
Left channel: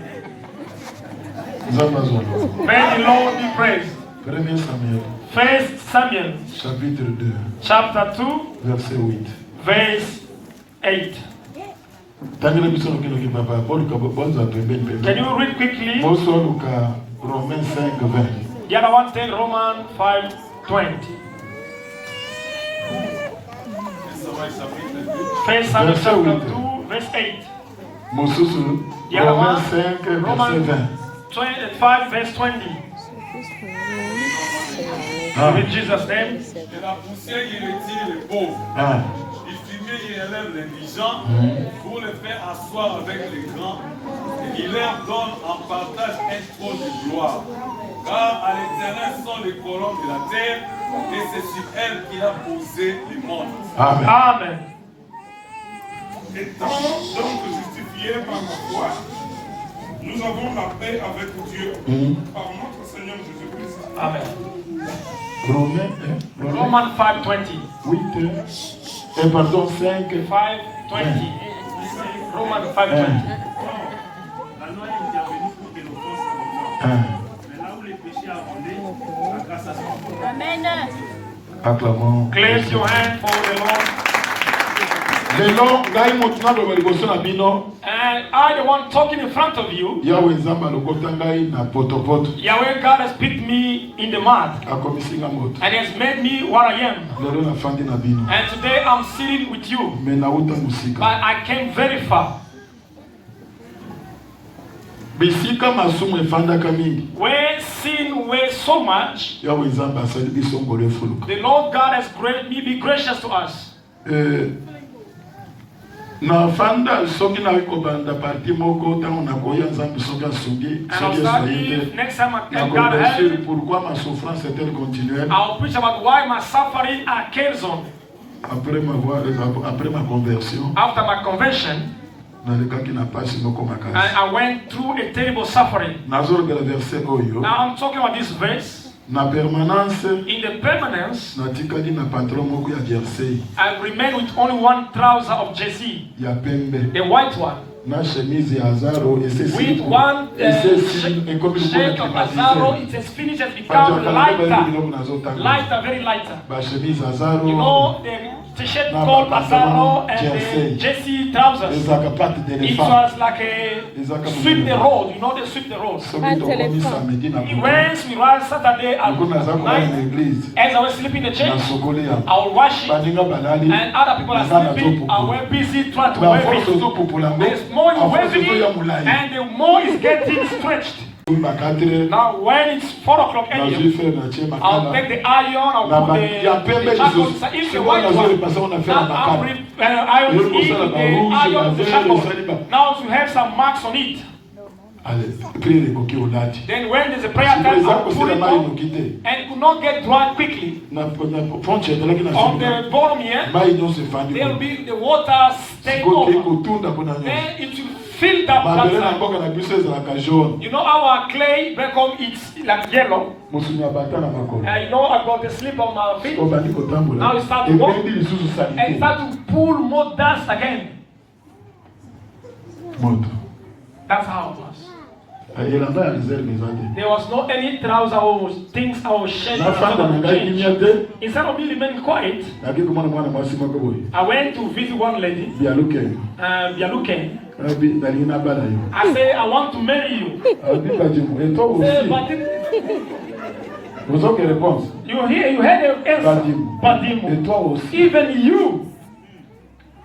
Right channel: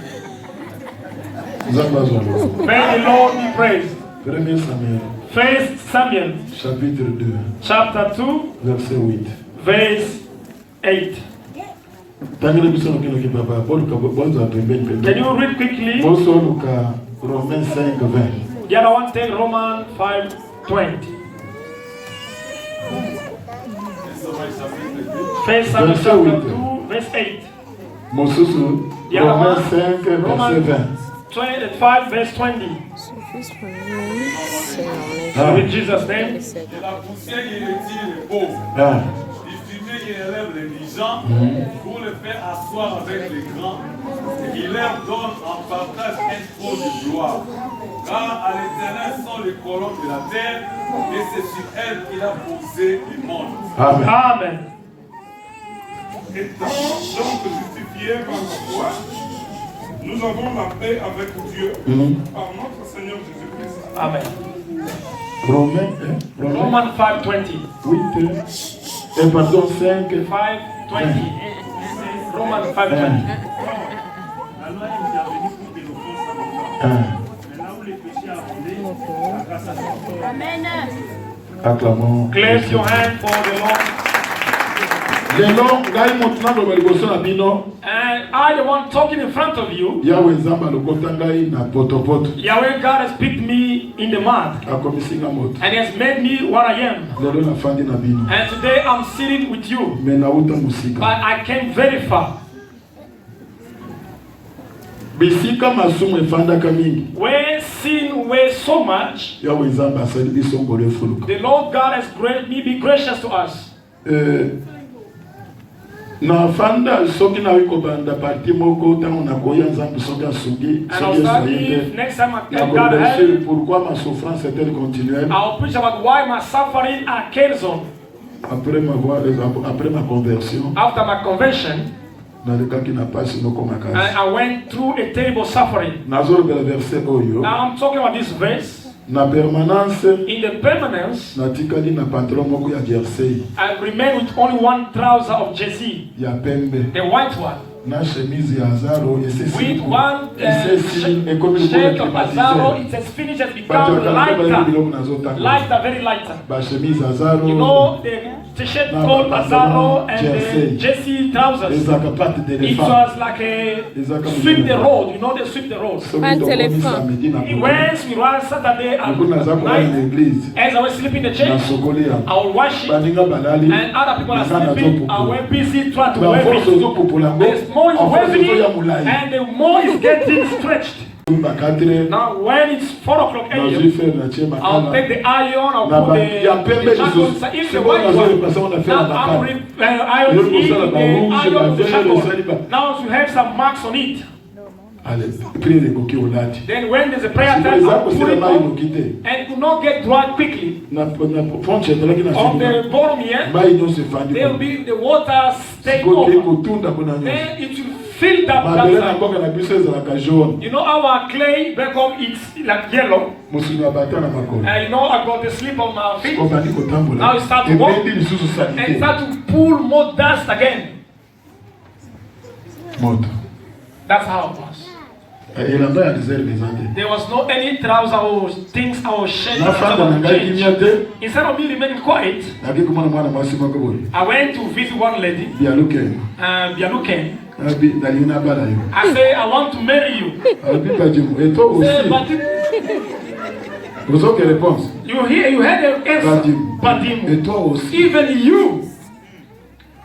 May the Lord be praised. 1 Samuel chapitre 2 chapter 2 verset 8. Verse 8. Can you read quickly? Romains 5:20. The other one take Romans 5:20. 1 Samuel chapter 2 verse 8. Romains 5 verset 20. 5 verse 20. In Jesus' name. De la poussière, il retire les pauvres. Du fumier, il élève l'indigent pour le faire asseoir avec les grands. Il leur donne en partage un trône de gloire. Car à l'Éternel sont les colonnes de la terre, et c'est sur elle qu'il a posé le monde. Amen. Amen. Étant donc justifiés par la foi, nous avons la paix avec Dieu par notre Seigneur Jésus-Christ. Amen. Romans 5:20. 8 pardon 5 5:20. Romans 5:20. L'Allemagne est intervenue pour que l'offense s'abondance. Mais là où les péchés abondaient, la grâce a s'abondé. Amen. Acclamons. Clap your hand for the Lord. And I, the one talking in front of you, Yahweh God has picked me in the mud and He has made me what I am. And today I'm sitting with you. But I came very far. Where sin weighs so much, the Lord God has granted me be gracious to us. Na fanda soki na wikobanda parti moko tango na koya nzambi soka sugi next time I can God help. Pourquoi ma souffrance est-elle continuelle? I'll preach about why my suffering carries on. Après ma conversion, After my conversion, I went through a terrible suffering. Now I'm talking about this verse. In the permanence, I remain with only one trouser of Jesse, the white one. With one shirt of Azaro, it has finished, has become lighter, very lighter. You know the t-shirt called Azaro and the Jesse trousers. It was like a sweep the road, you know they sweep the road. Once we rise Saturday at night, as I was sleeping in the church, I will wash it, and other people are sleeping. I went busy trying to wave it. The more you waving it, and the more it's getting stretched. Now when it's 4 o'clock a.m., I'll take the iron, I'll put the shackles. If the white one, now I will eat the iron of the shackle. Now you have some marks on it. Then when there's a prayer time, I'll put it on, and it will not get dry quickly. On the bottom here, there will be the water stay over. Then it will fill that water. You know our clay back home, it's like yellow. You know I got the slip on my feet. Now it starts to walk and start to pull more dust again. That's how it was. There was not any trouser or things I was shedding. Instead of me remaining quiet, I went to visit one lady. Bialuken. I say, I want to marry you. Vous avez quelle réponse? You heard the answer. Padimo. Et toi aussi. Even you.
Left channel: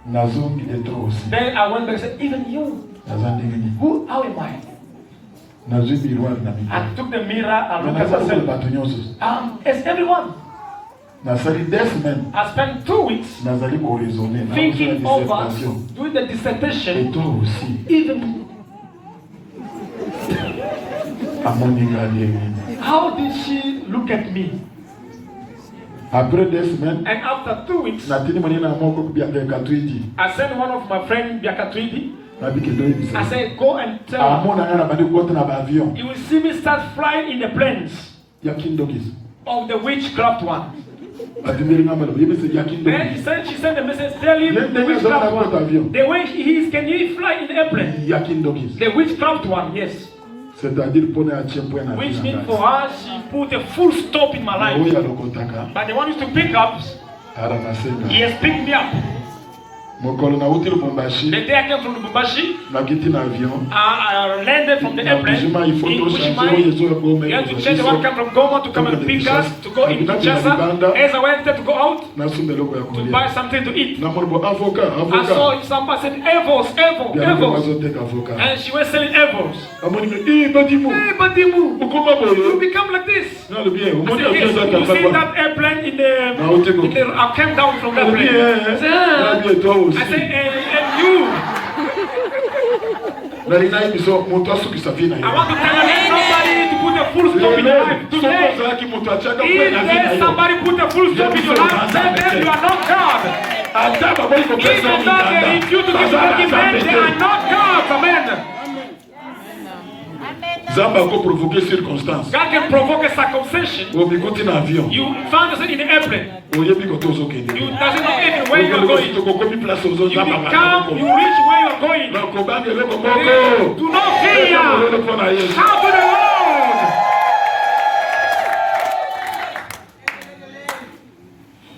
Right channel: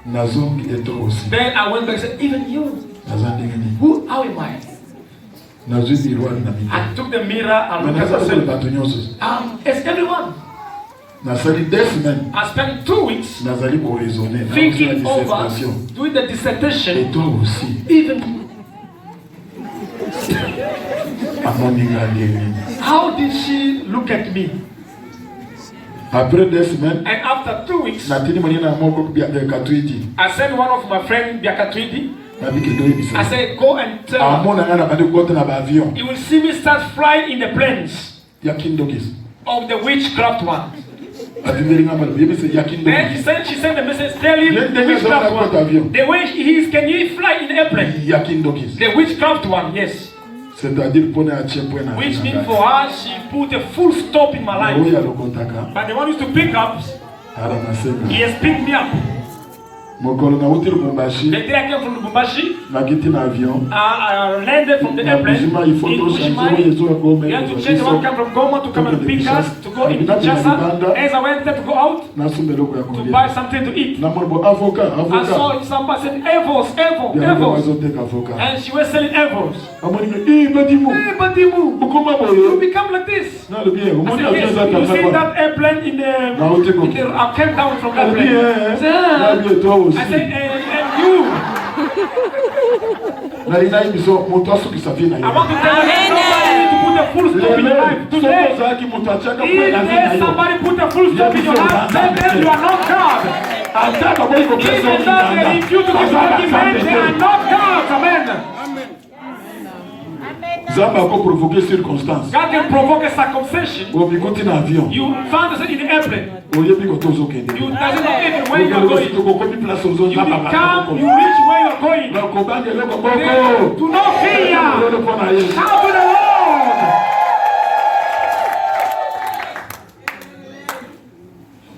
Nazong et toi aussi. Then I went back and said, even you. Nazang Who? How am I? Nazong miroir na mito. I took the mirror and Mais looked at nazang le myself. bateau nyonso. It's everyone. Nazali 2 semaines. I spent 2 weeks Nazali pour raisonner. thinking over, dissertation. doing the Et dissertation. toi aussi. Even Amoni. how did she look at me? Après 2 semaines, And after 2 weeks, natini mwenye na moko bia katwiti. I sent one of my friends, Biakatwidi. Nabiki ndoyi bisa. I said, go and tell her. Amona ngana bandi kote na ba avion. You will see me start flying in the planes Ya kindokis. of the witchcraft one. Atindiri ngamo yebi se ya Then kindokis. she sent a message telling the witchcraft one. The way he is, can you fly in the airplane? Ya kindokis. The witchcraft one, yes. C'est-à-dire pone a chempo na. Which means for her, she put a full stop in my life. Oya lokotaka. But the one is to pick up, Ara nasema. he has picked me up. Mokolo na uti The Lubumbashi. day I came from Lubumbashi, Nakiti na avion. I landed from the Na airplane Bushima in il faut to changer Bushima. yezo gome. We had to change the one come from Goma to come and pick us, to go in Kinshasa. As I went there to go out, Na sumbeloko ya to kulia. buy something to eat. Na morbo avocat, I avocat. saw somebody said, Evos, Evo, Bien Evos. mazoteka avocat. And she was selling Evos. Amoni me badimu. Hey, Badimu, Ukoma you boyo. become like this. Na le bien. I Umoni said, yes, avion za you see kafaba. that airplane in Na utiko. I came down from that Na plane. bien. I said, Na bien toi aussi. I said, and you. Na lina ibiso moto asukisa vie na I yo. want to tell you to put a full stop in your life today. Zaki moto achaka If kwa na vie na there's yo. somebody put a full stop in your life, then you are not God. Ataka boy ko pesa Even though they refuse to give argument, they are not God. Amen. Zamba ko provoquer circonstance. God can provoke a circumcision. O bikuti na avion. You found yourself in the airplane. O yebi ko tozo kende. You doesn't know even where you are going. To ko mi place ozo You zamba become, you reach where you are going. Na ko bande leko koko. Do not fear. Lolo pona Yesu. Shout to the Lord.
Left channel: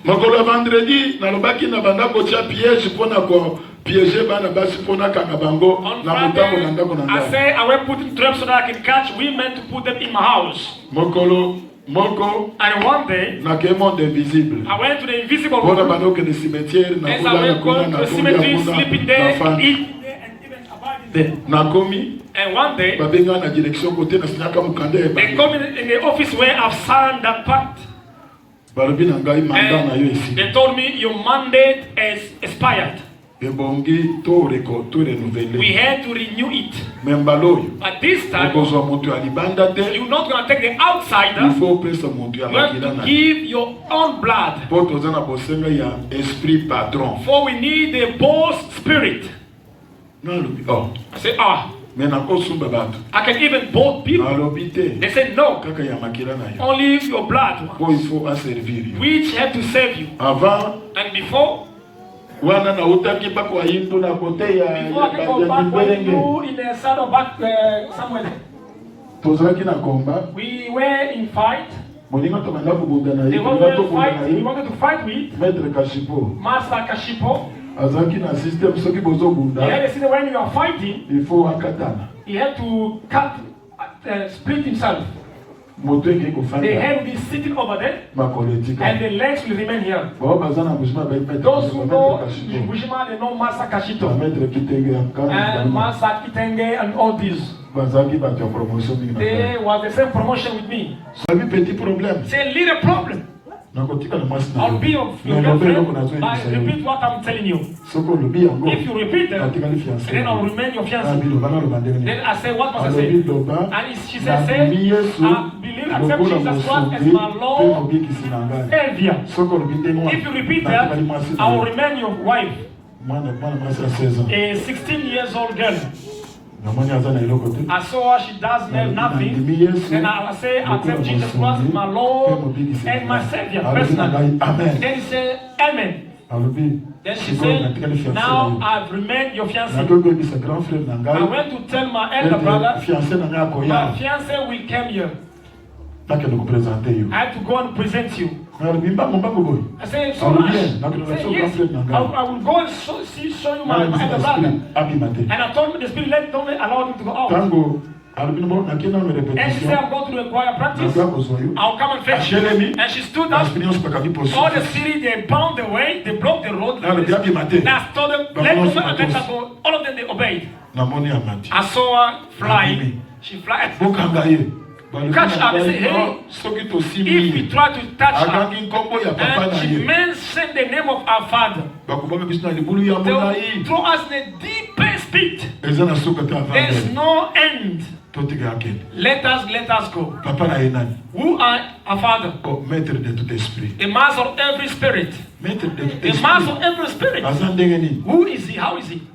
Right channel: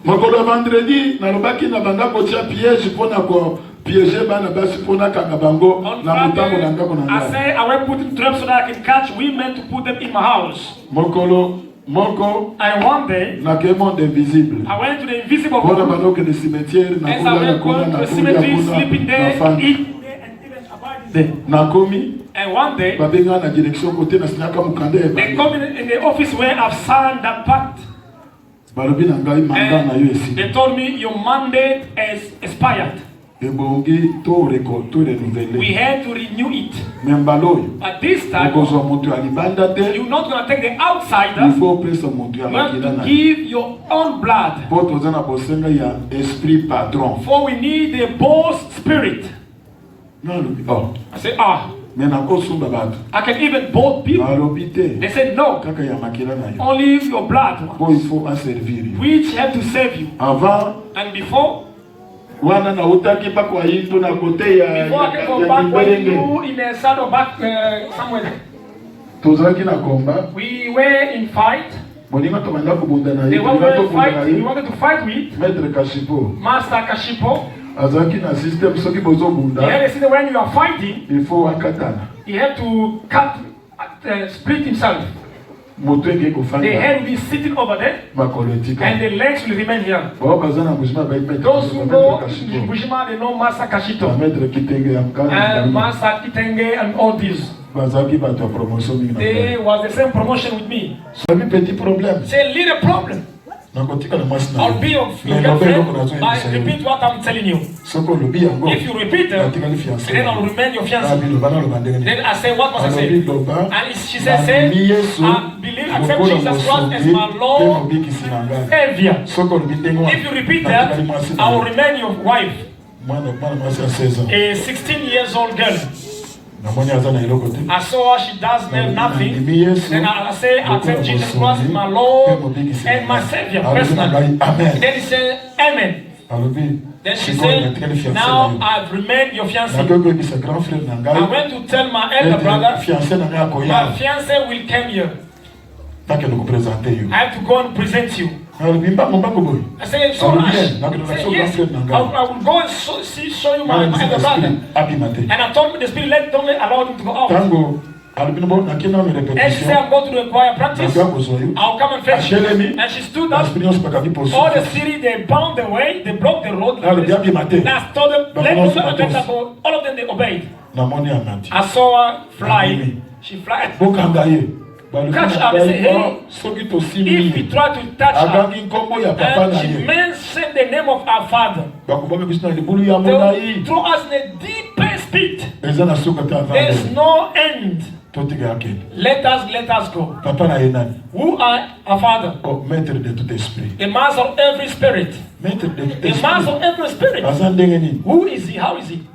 Mokolo vendredi nalobaki na banda kotia piège mpona ko piéger bana basi mpona kanga bango On na mutango na Friday, ndako na I ngai. say I went putting traps so that I can catch women to put them in my house. Mokolo moko And one day, nakei monde invisible. I went to the invisible Mpona world. banda okende cimetière As I nakula went ekuna to the nakulia cemetery, kuna sleeping there, nafandi. eating there, and even abiding there. Nakomi And one day, babenga na direction kote nasinyaka mokanda they ebale. come in the office where I've signed that pact. Balobi na ngai manda na yo And esi. they told me your mandate is expired. Ebongi to renouveler. We had to renew it. Membalo oyo. At this time, Okozwa moto ya libanda te. you're not going to take the Il outsider. faut opesa moto ya You have makila to na give your own blood. po toza na bosenga ya esprit patron. For we need a bold spirit. Nalobi I said, me nakosumba bato. I can even bold people. Nalobi te They said, no, kaka ya makila na yo. only your blood, Po il faut asservir yo. which have to save you. Avant And before wana na utaki pa kwa hindu na kote ya I can go back where you in the saddle back somewhere. tozalaki na komba We were in fight. moninga tokanda kobunda na They ye were tolinga in tokunda na fight. We ye wanted to fight with maître kashipo Master Kashipo. azalaki na système soki He bozobunda had to see that when you are fighting, il faut akatana he had to cut, split himself. moto eke The kofanda head will be sitting over there, makolo etika and the legs will remain here. bao baza na bujima bai Those who know kashipo Bushima, they know Master Kashito. maître kitenge ya And mkana Master Kitenge and all these. bazalaki bato ya promotion mingi na They ngai was the same promotion with me. sabi petit problème Say, little problem. nakotika na mwasi na I'll be your girlfriend. I repeat what I'm telling you. soko olobi yango If you repeat it, natikali fiancé then I'll remain your fiancé. abiloba naloba ndenge nini Then I say, what must I alobi say? loba And she said, nandimi yesu I believe, accept lokola Jesus Christ as mosungi my mpe Lord, mobikisi na ngai Savior. soko olobi ndenge wana If you repeat natikali that, mwasi I will remain your wife, mwana mwasi ya 16 ans a 16 years old girl. namoni aza na eloko te I saw her, she does nothing. nandimi yesu Then I say, accept Jesus Christ as my Lord and my Savior alobi na personally. ngai amen Then he said, Amen. alobi Then she sikoyo said, natikali fiancé na now yo I've remained your fiancé. nakoki koyebisa grand frère na I ngai went to tell my elder brother, fiancé na ngai my akoya fiancé will come here. nakende kopresente yo I have to go and present you. alobi mbango boye I said, so Ah, much. yeah. Not gonna I said, show yes, God friend, I will go and show you my elder brother. abima te And I told me the spirit, don't allow him to go out. ntango And she said, I'm going to the choir practice. I'll come and fetch you. And she stood up. All the city, they bound the way, they blocked the road. And I told them, let her go. All of them, they obeyed. I saw her fly. She flies. Catch her and say, hey, if we try to touch her, and she mentioned the name of our father, they will throw us in a deep pit. There is no end. Let us go. Who are our father? The master of every spirit. The master of every spirit. Who is he? How is he?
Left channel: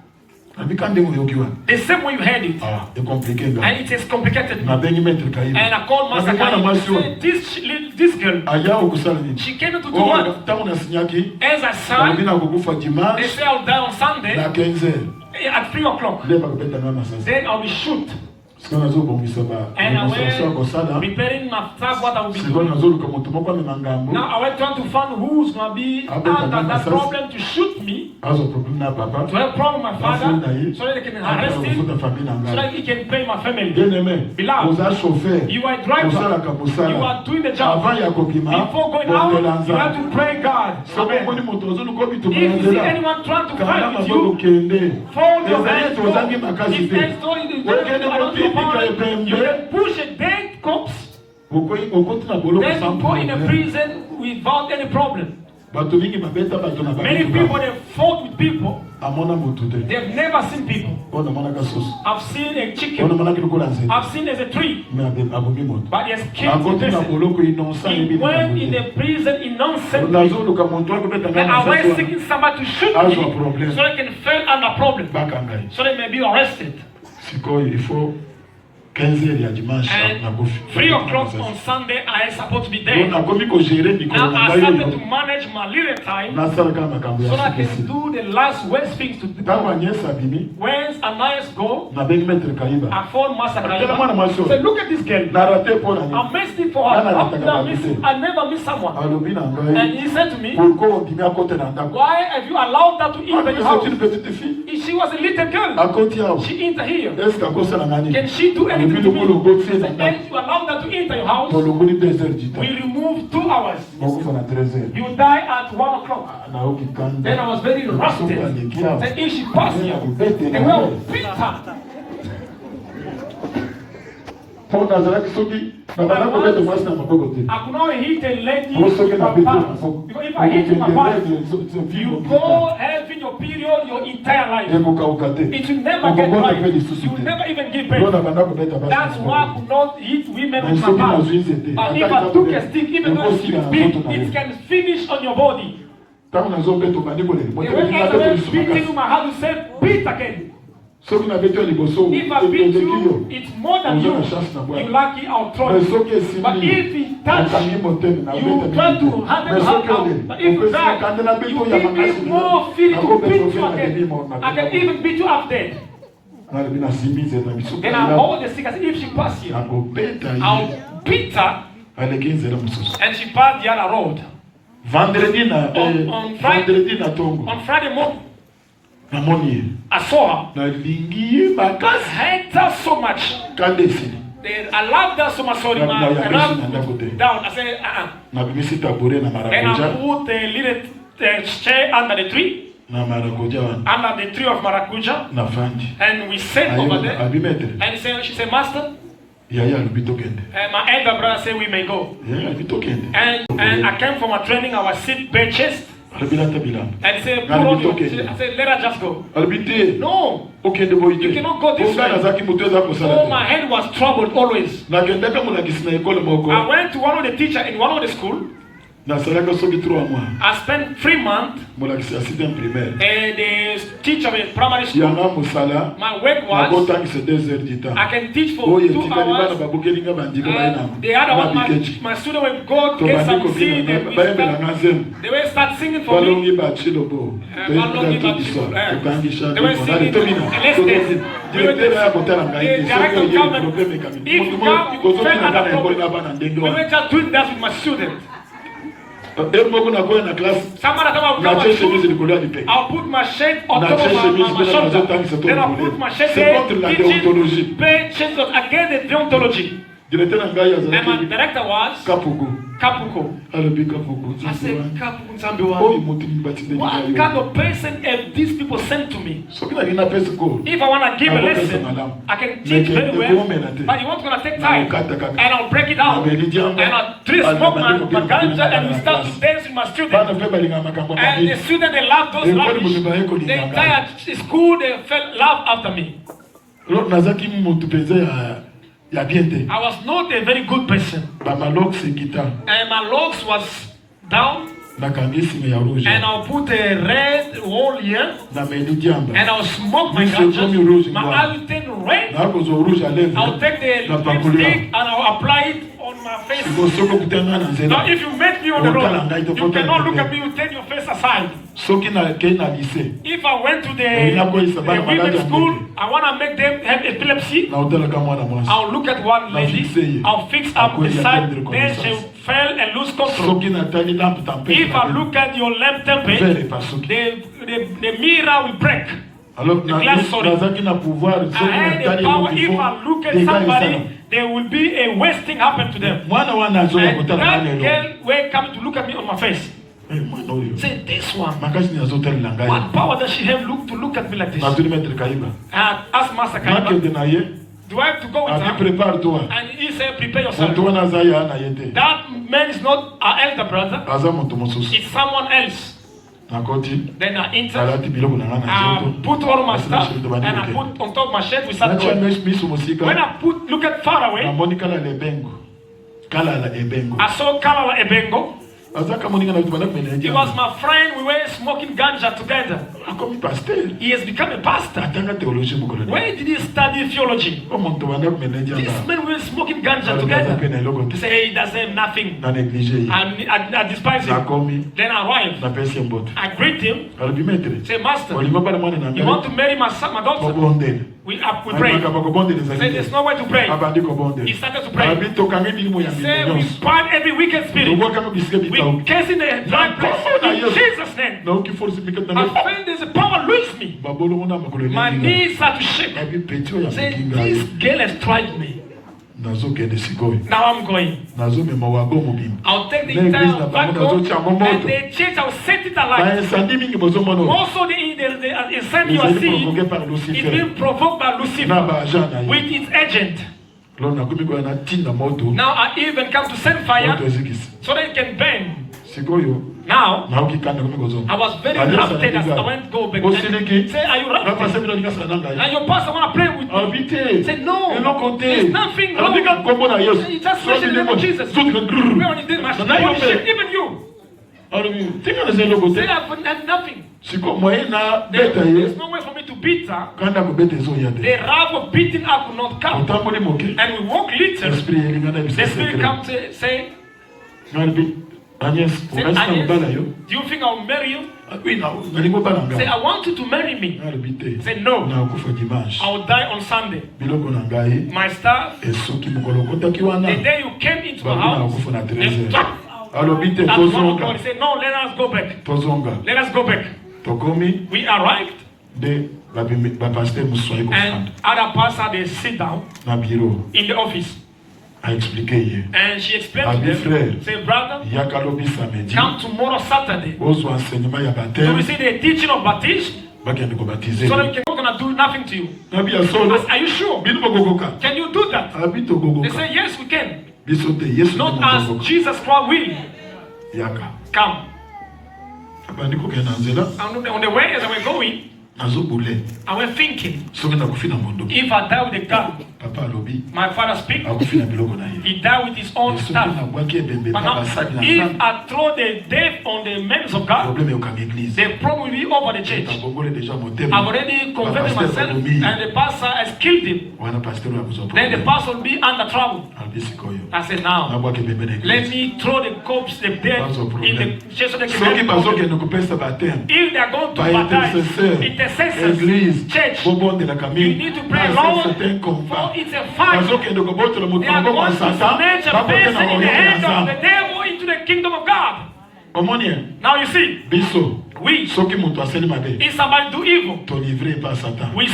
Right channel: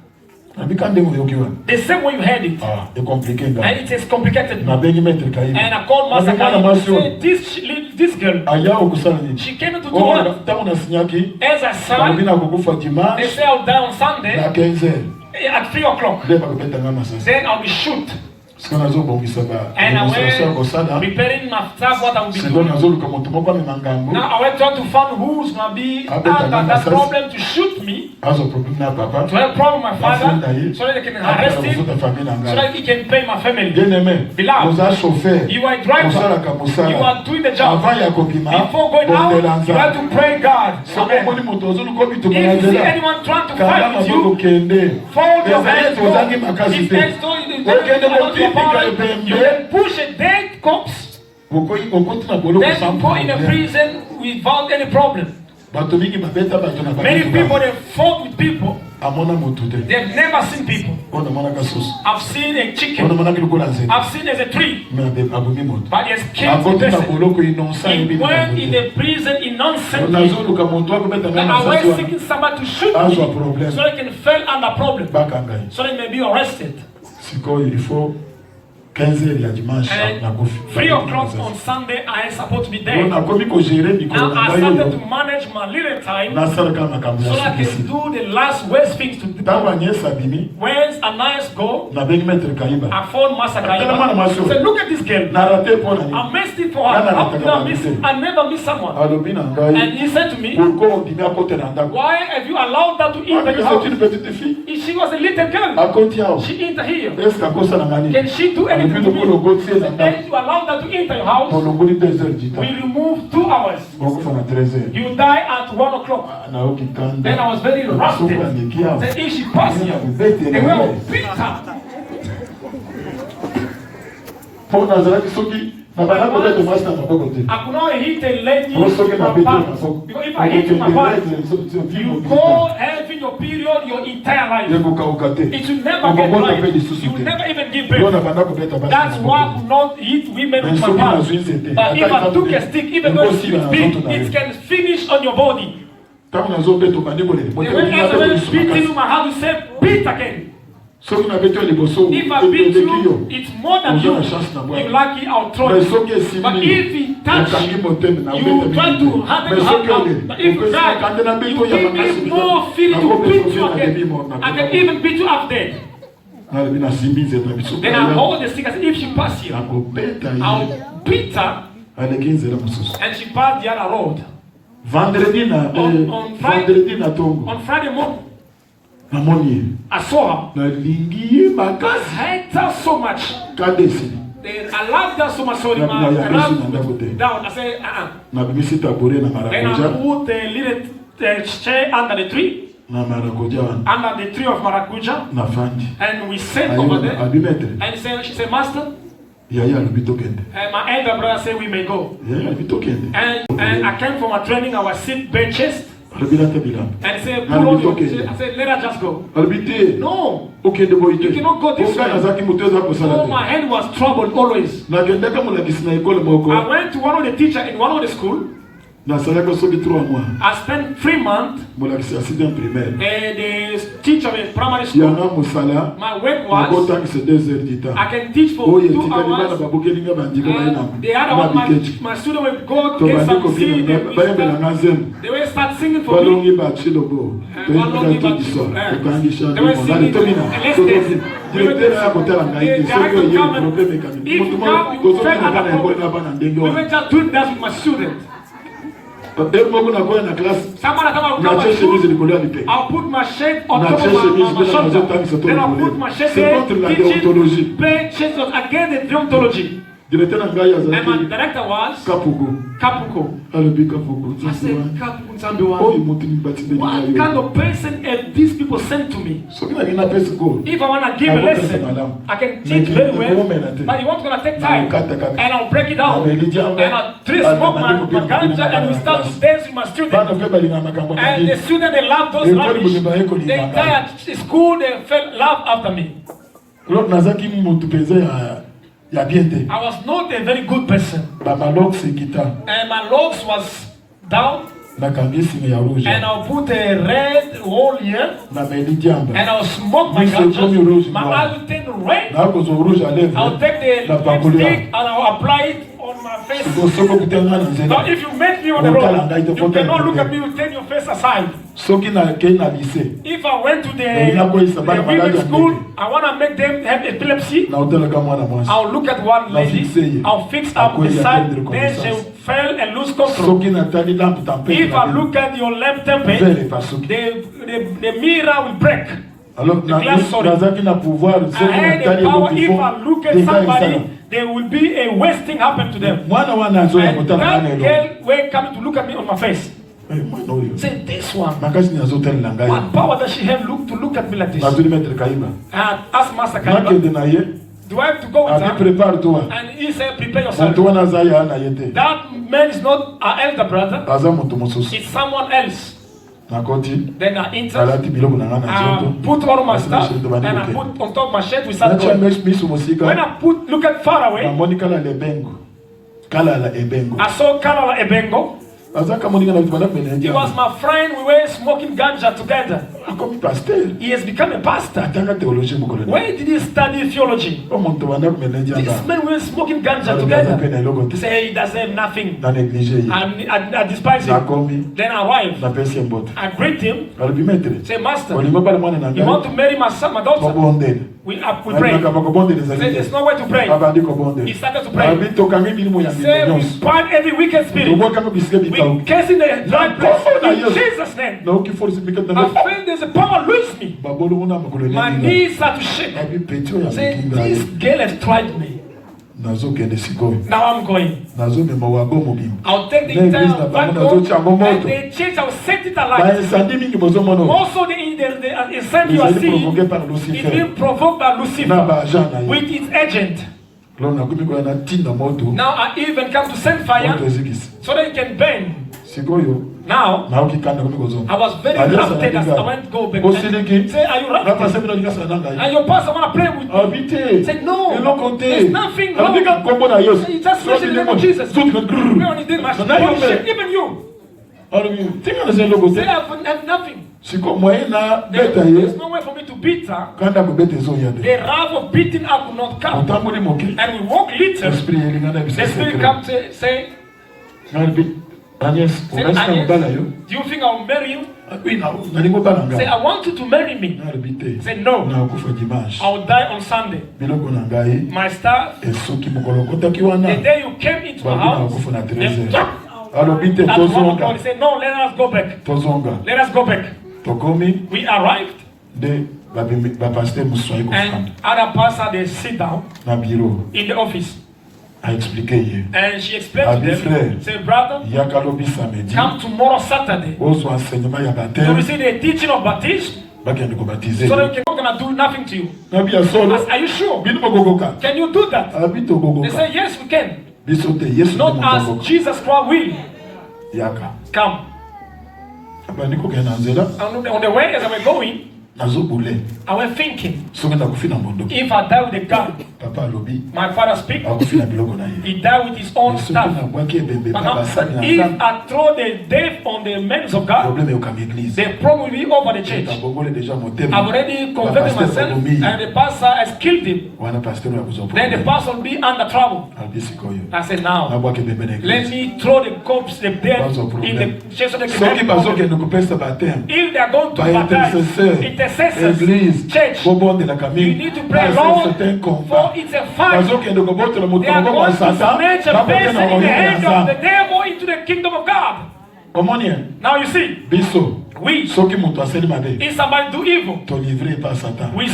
The same way you heard it. And it is complicated. And I called Master Kai. This girl, she came into the world. As I sang, they say I'll die on Sunday at 3 o'clock. Then I'll be shoot. And I went preparing my stuff, what I will be doing. Now I went trying to find who's going to be out of that problem to shoot me. To have a problem with my father, so that they can arrest him, so that he can pay my family. Beloved, you are a driver. You are doing the job. Before going out, you have to pray God. Amen. If you see anyone trying to fight with you, fold your hands. His hands don't you will push a dead corpse, then go in a prison without any problem. Many people, they fought with people. They've never seen people. I've seen a chicken. I've seen as a tree. But he has killed the person. He went in the prison innocently. And I was seeking somebody to shoot me so they can fail under problem. So they may be arrested. And 3 o'clock on Sunday, I am supposed to be there. Now I started to manage my little time so I can do the last worst things to do. When Ananias go, I found Master Kaiba. I said, look at this girl. I missed it for her. I never miss someone. And he said to me, why have you allowed that to enter your house? She was a little girl. She entered here. Can she do anything? And you allow that to enter your house, we remove 2 hours. You die at 1 o'clock. Then I was very rusted. Then if she passed here, they will beat her. I could not hit a lady with my palm. Because if I hit you with my palm, you go having your period your entire life. It will never get right. You will never even give birth. That's why I could not hit women with my palm. But if I took a stick, even though it's big, it can finish on your body. When I beating my hand, you say, beat again. If I beat you, it's more than you. You're lucky I'll throw you. But if he touch you, you try to handle him. But if you die, you give me more feeling to beat you again. I can even beat you up dead. Then I hold the stick and if she passes here, I'll beat her. And she passed the other road. On Friday morning, I saw her. I hate her so much. I loved her so much. So I down. I said, And I put a little chair under the tree. Under the tree of Maracuja. And we sat over there. And she said, Master. And my elder brother said we may go. And I came from a training. I was sit benches. And he said, put on your. I said, let her just go. No. You cannot go this way. So my head was troubled always. I went to one of the teachers in one of the school. I spent 3 months. The teacher in primary school. My work was I can teach for 2 hours. The other one, my student will go get some seed. They will start singing for me. They will sing. We were just doing that with my students. I'll put my shirt on top of my shoulder. Then I'll put my shirt there. Change against the deontology. And my director was Kapuko. I said, Kapuko Nzambiwa, what kind of person have these people sent to me? If I want to give a lesson, I can teach very well, but you want to take time, and I'll break it down, and I'll smoke my ganja, and we start to dance with my students. And the students, they love those languages. The entire school, they felt love after me. I was not a very good person. And my locks was down. And I'll put a red hole here. And I'll smoke my ganja. My eye will turn red. I'll take the lipstick and I'll apply it on my face. Now if you meet me on the road, you cannot look at me, you turn your face aside. If I went to the women's school, I want to make them have epilepsy. I'll look at one lady, I'll fix up the side, then she'll fail and lose control. If I look at your lamp temperature, the mirror will break. The glass, sorry. I had the power. If I look at somebody, there will be a worst thing happen to them. And that girl will come to look at me on my face. Say, this one, what power does she have to look at me like this? And ask Master Kaiba, do I have to go with her? And he said, prepare yourself. That man is not our elder brother. It's someone else. Then I enter, I put all my stuff, and I put on top of my shirt with that. When I look at far away, I saw Kalala Ebengo. He was my friend. We were smoking ganja together. He has become a pastor. Where did he study theology? This man we were smoking ganja together. He said he doesn't have nothing. I despise him. Then I arrived. I greet him. Say, Master, you want to marry my son, my daughter? We pray. He said, there's no way to pray. He started to pray. He said, we span every wicked spirit. We cast in the dark place in Jesus' name. I felt there's a power loose me. My knees start to shake. Say, this girl has tried me. Now I'm going. I'll take the entire backbone and the church, I'll set it alight. Also the incense you are seeing is being provoked by Lucifer with its agent. Now I even come to send fire so that it can burn. Now, I was very reluctant as I went to go back. Say, are you reluctant? And your pastor want to pray with me. Say, no, there's nothing wrong. He just mentioned the name of Jesus. Pray on his name. Even you. Say, I've nothing. There's no way for me to beat her. The wrath of beating her could not come. And we walk little. The spirit comes to say, Agnes, do you think I'll marry you? Say, I want you to marry me. Say, no. I'll die on Sunday. My staff, the day you came into my house, they stopped. At 1 o'clock, he said, no, let us go back. Let us go back. We arrived. And other pastor, they sit down in the office. And she explained to them, say, brother, come tomorrow Saturday to receive the teaching of baptism. So that we're not going to do nothing to you. Are you sure? Can you do that? They say, yes, we can. Not as Jesus Christ will. Come. On the way as I was going, I was thinking, if I die with a gun, my father speaks, he died with his own stuff. If I throw the death on the men of God, the problem will be over the church. I've already converted myself, and the pastor has killed him. Then the pastor will be under trouble. I said, now, let me throw the corpse, the dead, in the church of the community. If they are going to baptize, church, you need to pray, Lord, for it's a fight. They are going to snatch a person in the hand of the devil into the kingdom of God. Now you see, Biso. we, Soki mutu aseli mabe. if somebody do evil, To livrer par Satan. we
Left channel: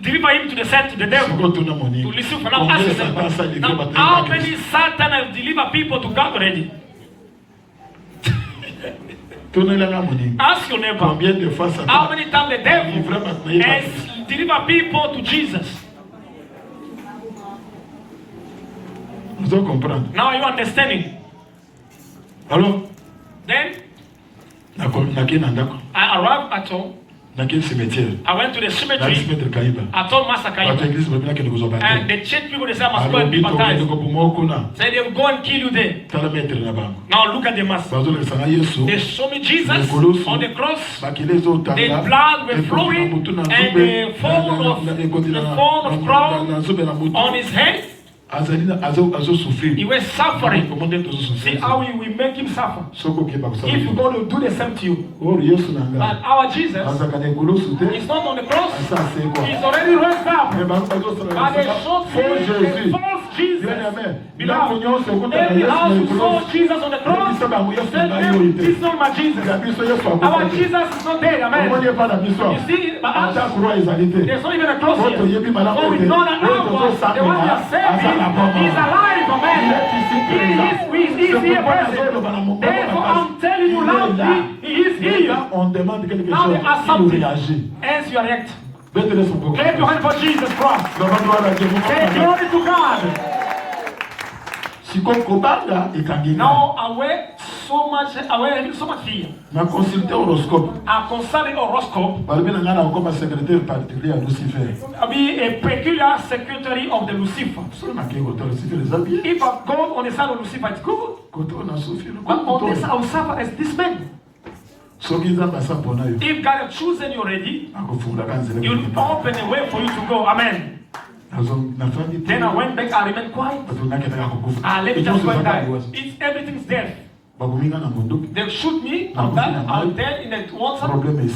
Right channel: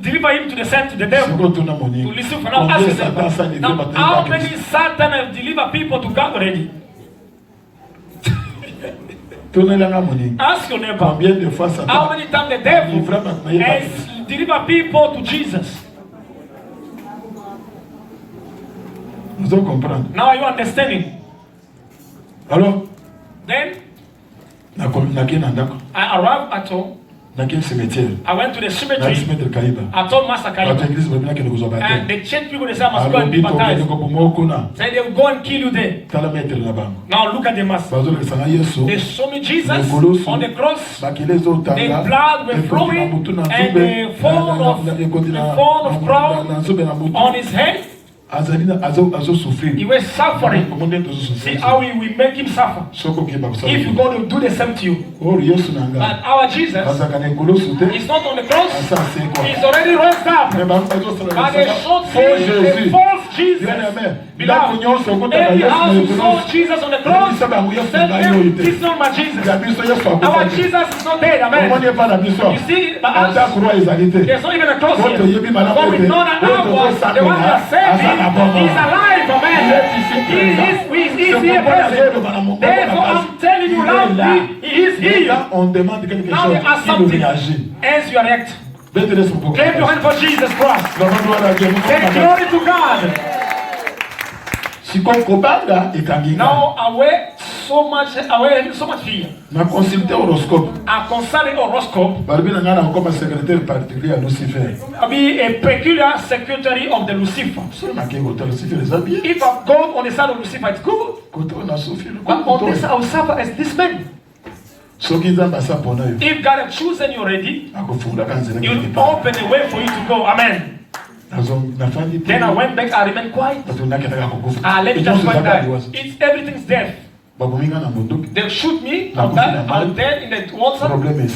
deliver him to the devil. Siko tuna moni. To listen for now, Combien ask Satan sa yourself, livré now, par how Christ? many Satan have delivered people to God already? Tuna langa moni. Ask your neighbor, Combien de fois how Satan many times the a devil livré par Christ? has delivered people to Jesus? Vous allez comprendre. Now are you understanding? Alors, Then naki na ndako. I arrived at home. Naki cimetière. I went to the Na cemetery. cimetière Kaiba. I told Master Bato Kaiba. église babina kende kuzoba And te. the church people, they say, I must go Alors and be bito kende baptized. kopumo kuna. Say they will go and kill you there. Tala maître na bango. Now look at the master. Bazo le sana Yesu. They show me Jesus on the cross. Bakile zo The tanga. blood were flowing and the form of crown na zube na mutu. on his head. Azo souffrir. He was suffering. Comment est-ce See souffrir? how we make him suffer. Soko ke ba If you're going to do the same to you. Oh Yesu nanga. But our Jesus Bazaka ne kulo sute. is not on the cross. Asa se kwa. He's already rose up. Mais ba bazo But sala. they showed the false Jesus. Bila kunyoso kuta Maybe Yesu how ne you kulo. saw Jesus on the cross. Sasa bangu Yesu Said, ngai yoite. this is not my Jesus. Ya biso Yesu Our akufanya. Jesus is not dead. Amen. Comment est pas na biso? You see, but Ata us, kurwa ezalite. there's not even a cross Wote here. yebi malamu But we ete. know that Wote our zo the one we are saving is alive. Amen. He is here present. Therefore, I'm telling you loudly, he is here. On demande quelque Now chose. they ask Il something. réagit. As you react, Mettez-le sur beaucoup. clap your hand for Jesus Christ. Say Now, glory to God. sikokobanga etanginga. Now aware so much fear. Na consulter horoscope. I consult horoscope. Balobi na ngana comme secrétaire particulier à Lucifer. I'll be a peculiar secretary of the Lucifer. Sur ma ke hotel Lucifer les habille. If I go on the side of Lucifer, it's good. Koto na Sophie. But on this, I will suffer as this man. Soki nzamba sa pona yo. If God has chosen you already, Akofungula kanzele. He will open a way for you to go. Amen. Nafandi. Then I went back, I remained quiet. Bato naketaka kukufa. I let it just go die. It's everything's death. Bakominga na munduki. They shoot me, I'm dead in the water.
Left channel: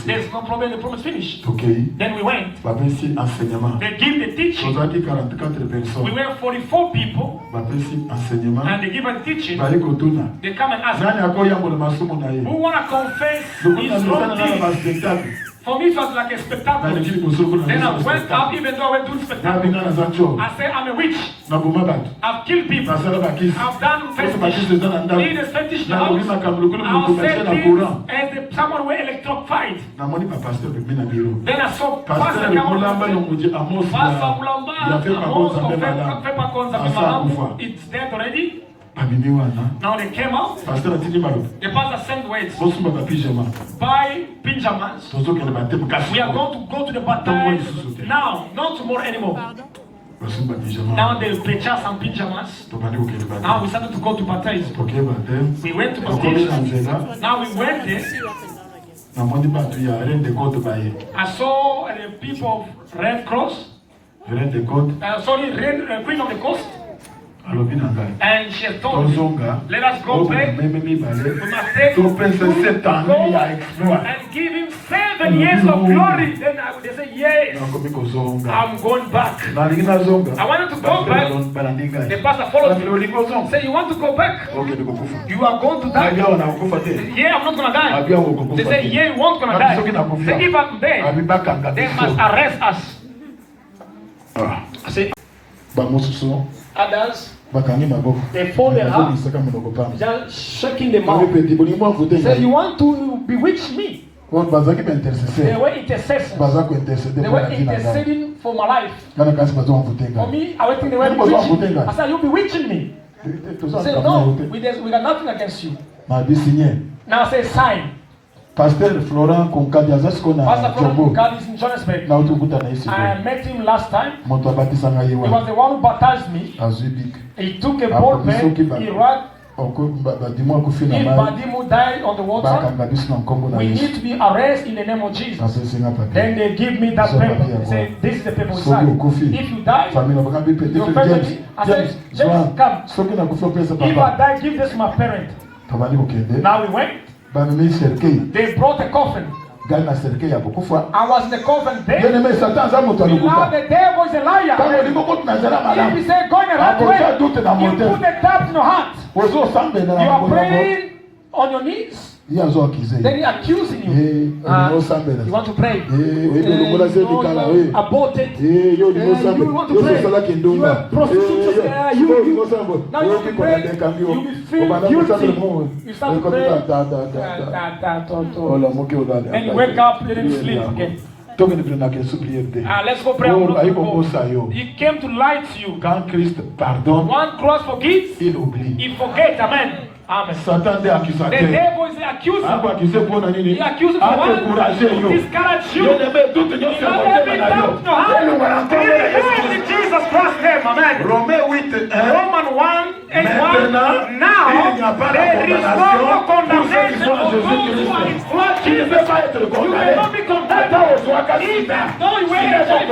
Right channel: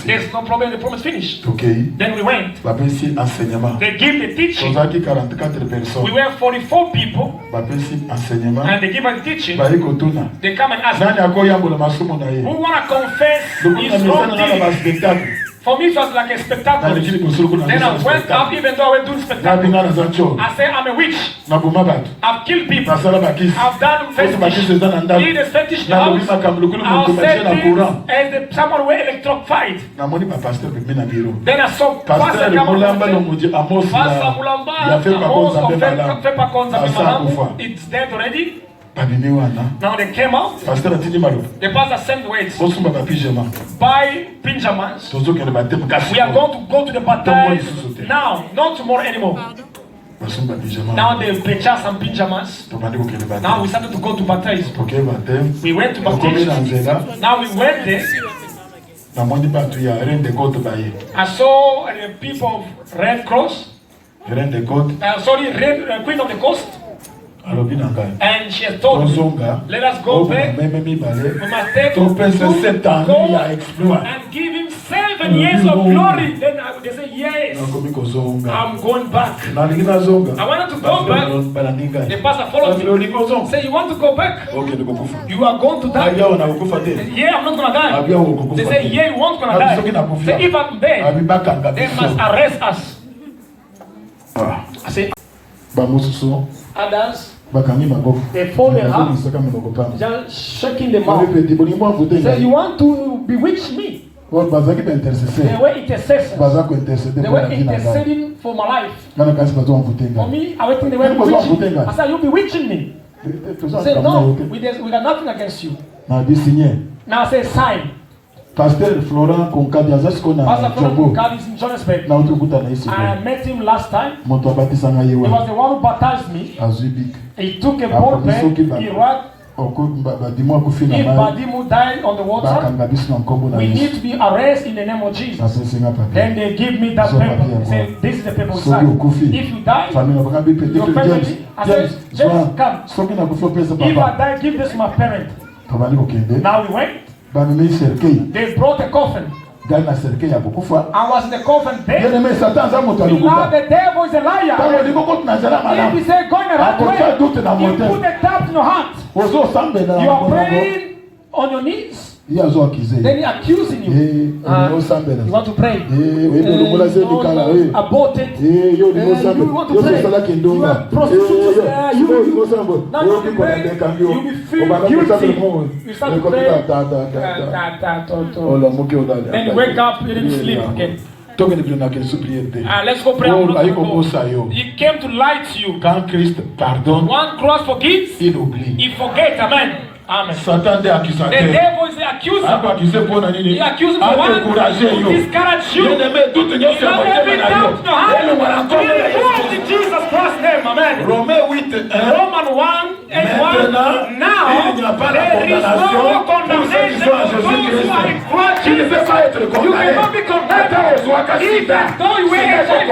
There's no problem, the problem is finished. Okay. Then we went. Bapesi enseignement. They give the teaching. Tozaki 44 personnes. We were 44 people, Bapesi enseignement. and they give us the teaching. Bali kotuna. They come and ask Nani me, akoyambola masumu na ye. who want to confess Lokuna his wrong misana na ba deeds? spectacle. For me, it was like a spectacle. Na likini kusuruku na Then I misa went up, spectacle. even though I went to the Na spectacle. bingana za cho. I said, I'm a witch. Na buma batu. I've killed people. Na sala bakisi. I've done Kote bakisi fetish. za na ndabu. He is fetish Na house. lobima kamulukulu I'll mkumashe say na things courant. as someone were electrified. Na moni pa pasteur bimi na biro. Then I saw Pasteur Pastor Mulamba Kamala. lo muji Amos Pastor ya Mulamba, fait pas Amos konza of be malam. Fepa Konza Asa Malamu. kufa. It's dead already. Babimi wana. Now they came out. Pasteur atini malo. The pastor sent words. Bosumba ba pyjama. Buy pinjamas. Tozo kene ba tem kasi. We are going to go to the baptize now, not tomorrow anymore. Bosumba pyjama. Now they purchased some pinjamas. Tobandi ko kene ba. Now we started to go to baptize. Okay ba tem. We went to Kokomi na baptize. nzela. Now we went there. Na moni batu ya rende kote ba ye. I saw the people of Red Cross. Rende kote. Sorry, Queen of the Coast. Alobi na ngai. And she has told me, Tozonga. let us go back. Meme mi We bale. must take To pesa 7 ans ya go exploit. and give him 7 years of glory. Then they say, yes, Nakomi kozonga. I'm going back. Nalingi nazonga. I wanted to go back. Balandinga. The pastor followed me. Olingi kozonga. Say, you want to go back? Okay, nikukufa. You are going to die. Abia wana kukufa te. Yeah, I'm not going to die. Abia kukufa. They say, yeah, you won't going to die. Say, if I'm there, Abibaka they must ngabiso. arrest us. I say, Bamususu. others, Bakangi maboko. they fall their Maboko hands, isaka muloko pamba. just shaking them Bali out. peti boli mwa vote Say, you ngai. want to bewitch me? Kwa bazaki ba They intercesseur. were intercessors. Baza ko interceder They kwa were jina ngai. interceding for my life. Kana kasi bazo mvote For ngai. me, I think they were They was bewitching. not I said, you bewitching me? Toza I said, kamna no, yote. we got nothing against you. Na bisinye. Now I say, sign. Pasteur Florent Konkadi azasiko na Pastor Jobo. God is in Johannesburg. Na utukuta na isi. I met him last time. Moto abatisa ngai He was yewa. the one who baptized me. Azibik. He took a ball pen, he wrote, Oko badimwa kufi na if mai. Badimu died on the water, Bakanga biso na nkombo na we Yesu. need to be arrested in the name of Jesus. Asesinga papi. Then they give me that So paper. papi, They say, this is the paper we Soki sign. ukufi. If you die, Famila bakambi pete Your to family- James. I said, James, come. Soki na kufi pesa if I papa. die, give this to my parent. Tabali okende. Now we went. Bamimi serkei. They brought a coffin. Gali na serkei ya kukufa. I was in the coffin there. Yene me satan za moto Now alukufa. the devil is a Tango liar. limoko tunazala If malamu. he say going around Akosa way, doute na you motel. put a doubt in your heart. Wezo sambe na You are bongo. praying on your knees. Then he accusing you. You want to pray. You aborted. You want to pray. You are prostitutes. Now you pray. You will feel guilty. You start to pray. Then you wake up, you didn't sleep again. Let's go pray. He came to lie to you. One cross forgives, he forgets. Amen. Amen. Satan est accusateur. The devil is the accuser. He accuses for one to discourage you. He not every doubt to have. In Jesus Christ's name. Amen. Roman 1:8. Now there is no more condemnation for those who are in Christ Jesus. You cannot be condemned. Even though you wear HIV,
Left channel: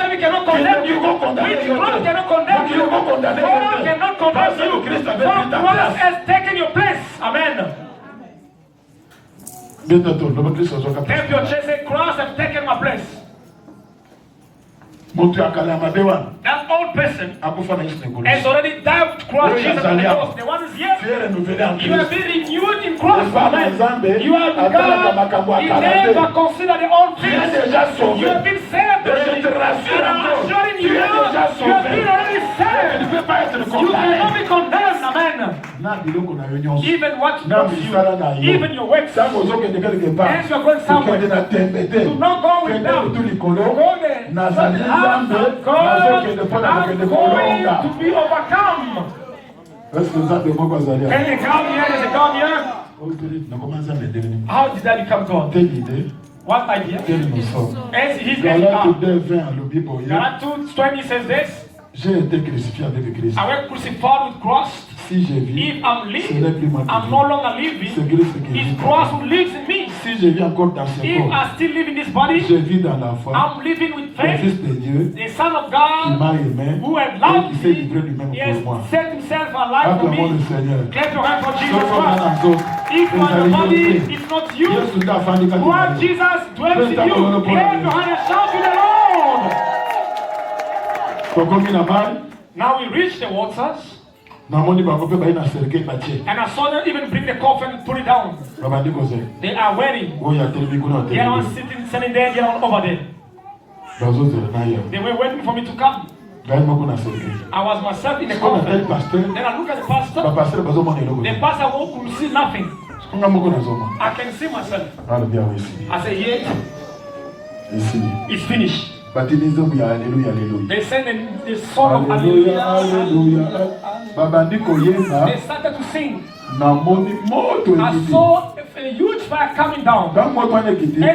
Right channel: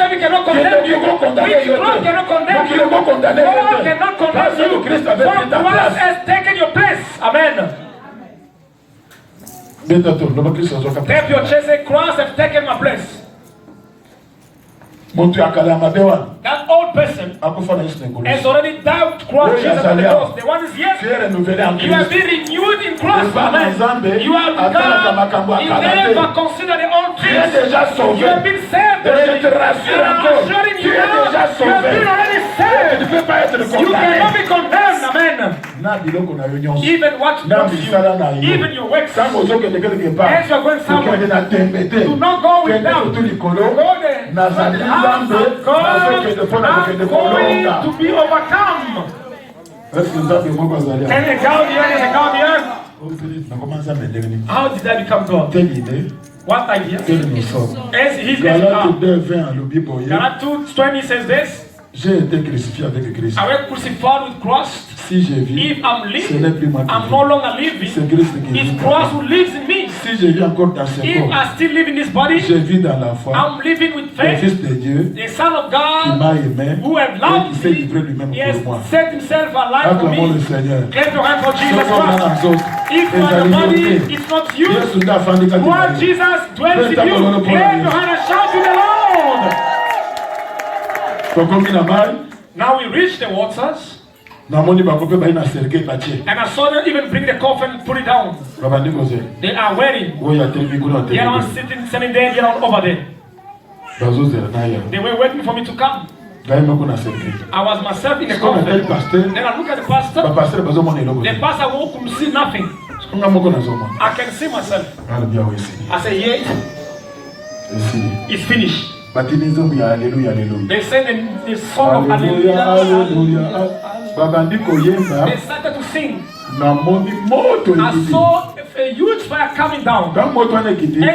HIV cannot condemn you. Witchcraft cannot condemn you. God cannot condemn you. For Christ has taken your place. Amen. Tap your chest and Christ has taken my place. That old person has already died with Christ Jesus on the cross. The one is yet. You have been renewed in Christ. You are God. You never consider the old things. You have been saved. I'm assuring you now. You have been already saved. You cannot be condemned. Amen. Even what knocks you, even your works. As you are going somewhere, do not go with them. Go there. I'm going to be overcome. Can you count the earth? Count the earth? How did I become God? What idea? As his name God. Galatians 2:20 says this. J'ai été crucifié avec Christ. I was crucified with Christ. Si je vis, if I'm living, I'm no longer living. It's Christ who lives in me. Si je vis encore dans ce if corps, I still live in this body, je vis dans la foi. I'm living with Le faith. Fils de Dieu, the Son of qui God, m'a aimé, who has et loved qui s'est livré lui-même me, he has pour moi. set himself alive for Acclamons me. le Seigneur. Clap your hands for Jesus Sois Christ. dans nous autres. If you are the body, it's not you. Yesu t'a fandi quand Lord il Jesus dwells in you. Clap your hands and shout to the Lord. Now we reach the waters. And I saw them even bring the coffin and put it down. They are waiting. They are not sitting there, they are over there. They were waiting for me to come. I was myself in the coffin. Then I look at the pastor. The pastor won't see nothing. I can see myself. I say, yes, it's finished. They said the song of Hallelujah. They started to sing. I saw a huge fire coming down. And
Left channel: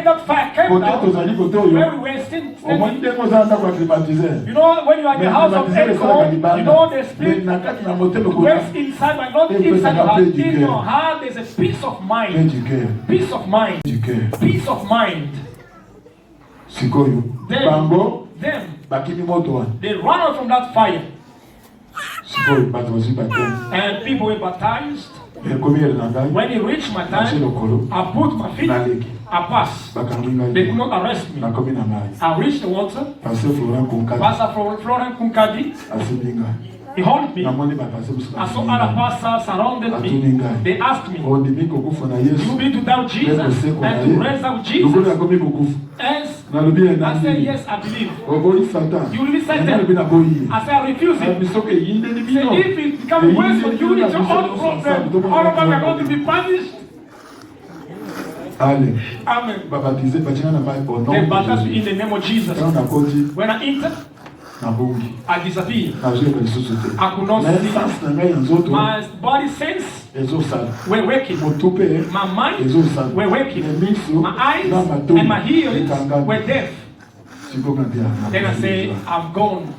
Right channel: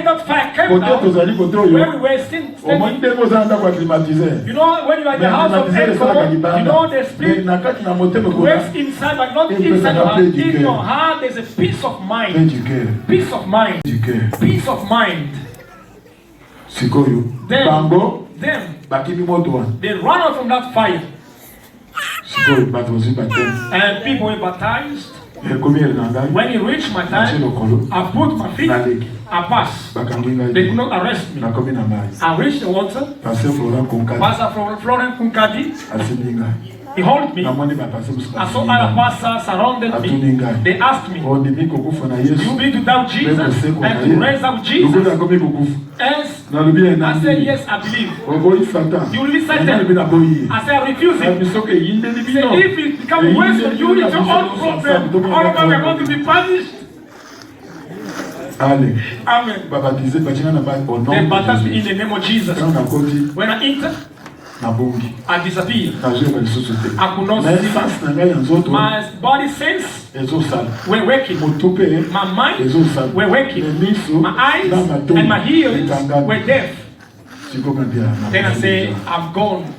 that fire came down where we were standing. You know, when you are in the house of aircon, you know the spirit works inside, but not inside. But in your heart, there's a peace of mind. Peace of mind. Peace of mind. Them, they run out from that fire. And people were baptized. When he reached my time, I put my feet, I passed. They could not arrest me. I reached the water. Pastor Florent Kunkadi, he held me. I saw other pastors surrounded me. They asked me, do you believe to doubt Jesus and to raise up Jesus? And I said, yes, I believe. You will be Satan. I said, I refuse it. If it becomes worse for you, it's your own problem. All of us are going to be punished. Amen. Amen. They baptized me in the name of Jesus. When I enter, I disappear. I could not see. My body sense were working. My mind were working. My eyes and my ears were deaf. Then I say, I'm gone.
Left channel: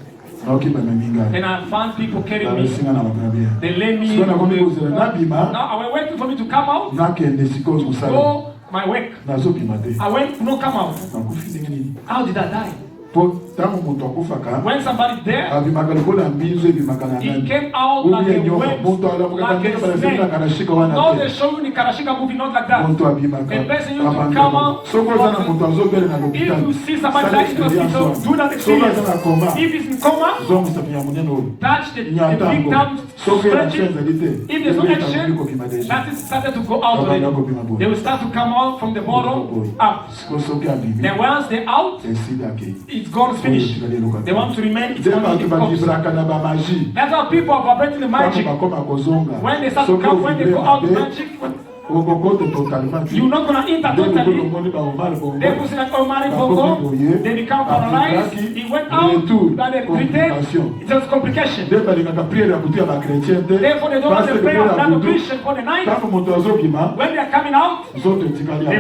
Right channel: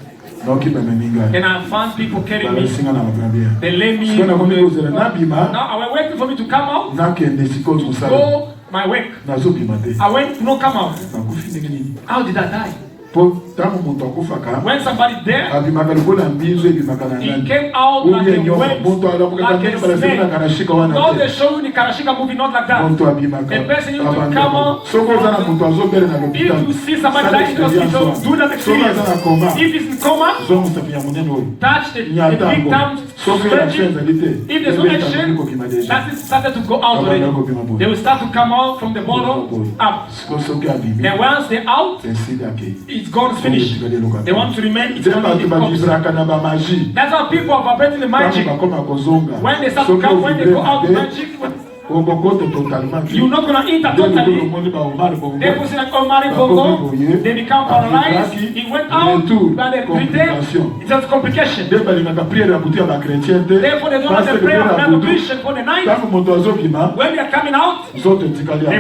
And I found people carrying me. They lay me. Now I was waiting for me to come out. Go my work. I went to not come out. How did I die? When somebody there, he came out like a web, like a snake. Not the show you the Karashika movie, not like that. The person you to come out. If you see somebody like in the hospital, do not experience. If it's in coma, touch the big time, stretching. If there's no action, that is started to go out already. They will start to come out from the bottom up. And once they're out, it's gone, it's finished. They want to remain. It's only that's how people are operating the magic. When they start to come, when they go out the magic, you're not going to enter totally. They put in an Omari Bongo, they become paralyzed. He went out, but they pretend it's just complication. Therefore, they don't have the prayer of Christian for the night. When they are coming out, the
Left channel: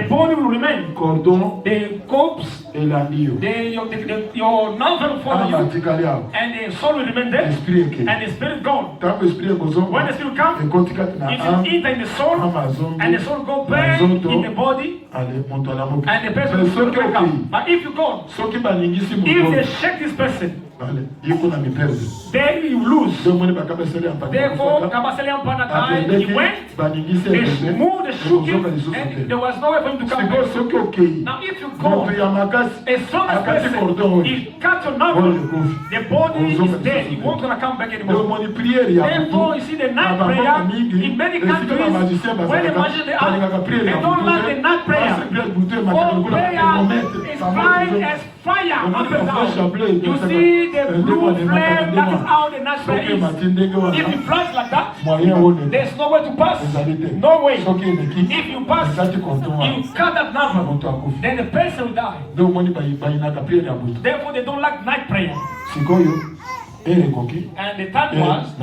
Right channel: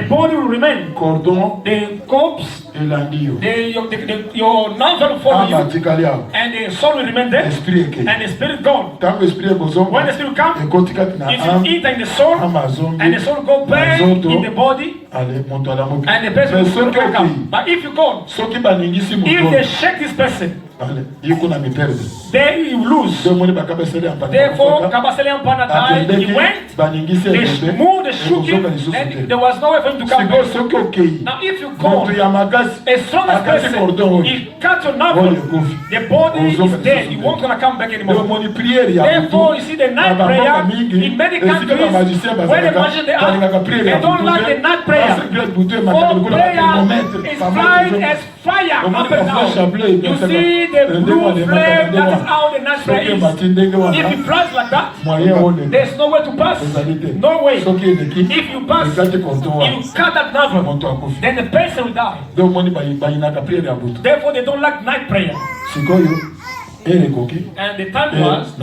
body will remain. The corpse, your nerve will follow you, and the soul will remain there, and the spirit gone. When the spirit comes, if you enter in the soul, and the soul go back in the body, and the person will go back up. But if you go, if they shake this person, then you lose. Therefore, Kabaselian Pana died, he went, they moved, they shook him, and there was no way for him to come back. Now if you go, a strong person, he cut your nerve, the body is dead, he won't gonna come back anymore. Therefore, you see the night prayer, in many countries, when the magicians they don't like the night prayer. For prayer is flying as fire up and down. You see the blue flame, that is how the night prayer is. If it flies like that, there's no way to pass. No way. If you pass, you cut that nerve, then the person will die. Therefore, they don't like night prayer. And the time was,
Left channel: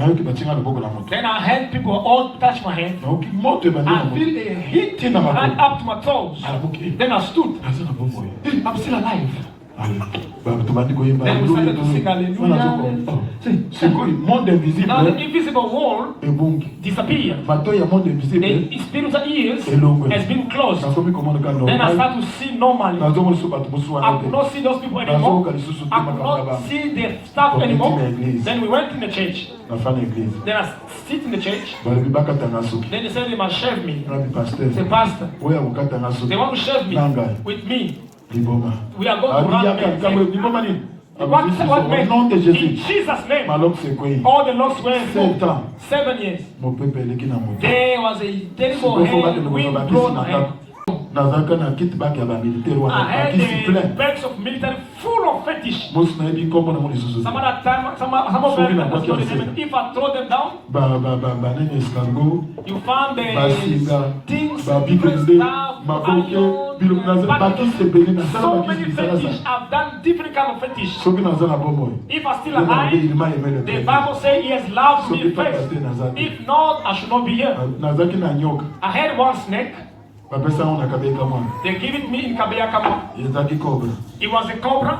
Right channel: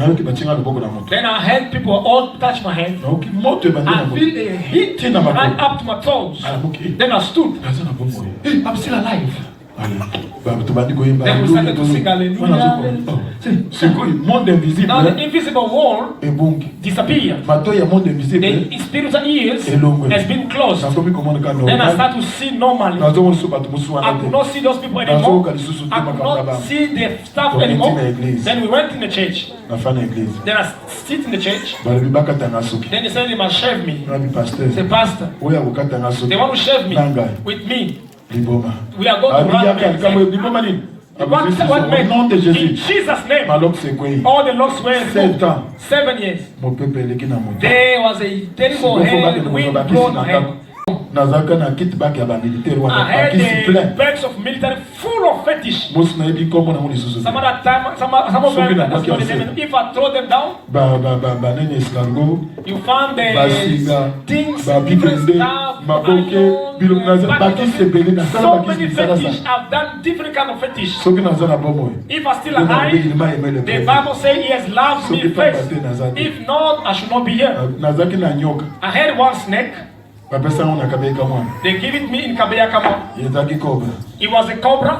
then I had people all touch my hand. I feel the heat right up to my toes. Then I stood. I'm still alive. Then we started to sing hallelujah. Now the invisible wall disappeared. The spiritual ears has been closed. Then I started to see normally. I could not see those people anymore. I could not see the staff anymore. Then we went in the church. Then I sit in the church. Then they said they must shave me. The pastor. They want to shave me with me. We are going to run what meant? In Jesus' name, all the locks were removed. 7 years. There was a terrible wind blown hand. I had the bags of military full of fetish. Some other time, some of them, if I throw them down, you found the things, different stuff, so many fetish. I've done different kind of fetish. If I'm still alive, the Bible says he has loved me first. If not, I should not be here. I had one snake. They give it me in Kabeya Kama. It was a cobra.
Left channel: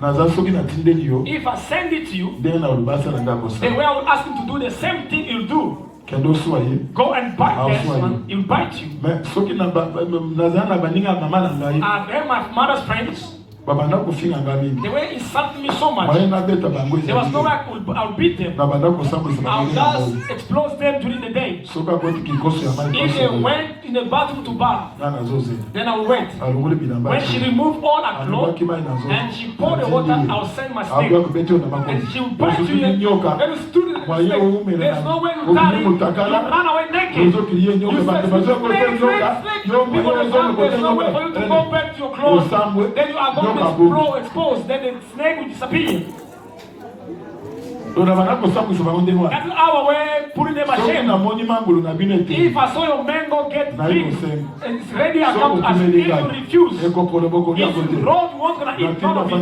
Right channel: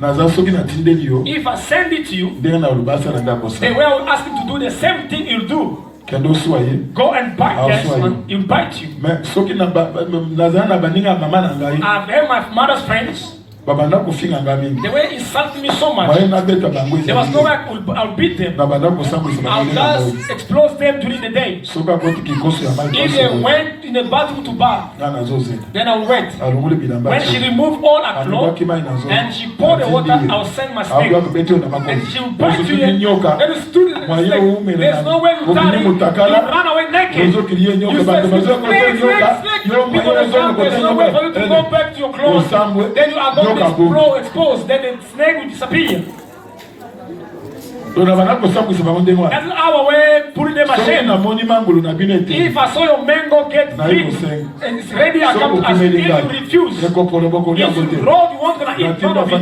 If I send it to you, they will ask him to do the same thing you'll do. Go and bite this one, he'll bite you. I've had my mother's friends. They were insulting me so much. There was no way I'll beat them. I'll just explode them during the day. If they went in the bathroom to bath, then I'll wait. When she removed all her clothes and she poured the water, I'll send my snake. And she will bite you. Then you stood in the snake. There's no way you carry. You run away naked. You said, snake. People are down. There's no way for you to go back to your clothes. Then you are going to explode, exposed. Then the snake will disappear. That's our way putting them ashamed. If I saw your mango get big and it's ready, I come to ask you. If you refuse, if you roll, you won't gonna eat none of it.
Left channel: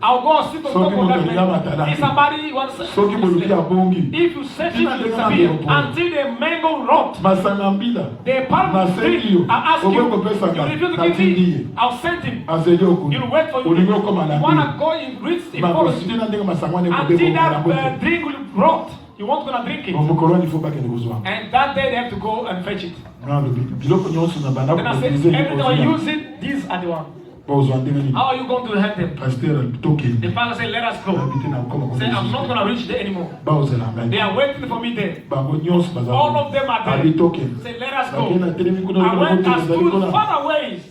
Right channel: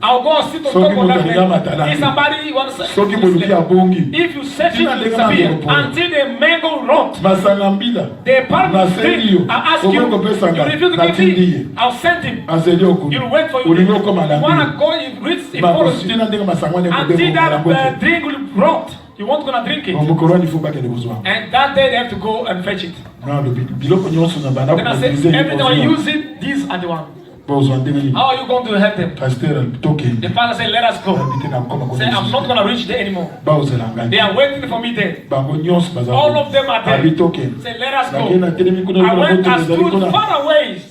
I'll go sit on top of that man. If somebody wants to say, if you set it to disappear until the mango rot, the palm tree, I'll ask you, you refuse to give me, I'll send him. You'll wait for you. You wanna go in reach, it follows you. Until that drink will rot. You won't gonna drink it. And that day they have to go and fetch it. Then I said, every time I use it, these are the ones. How are you going to help them? The pastor said, let us go. Say, I'm not going to reach there anymore. They are waiting for me there. All of them are there. Say, let us go. I went and stood far away.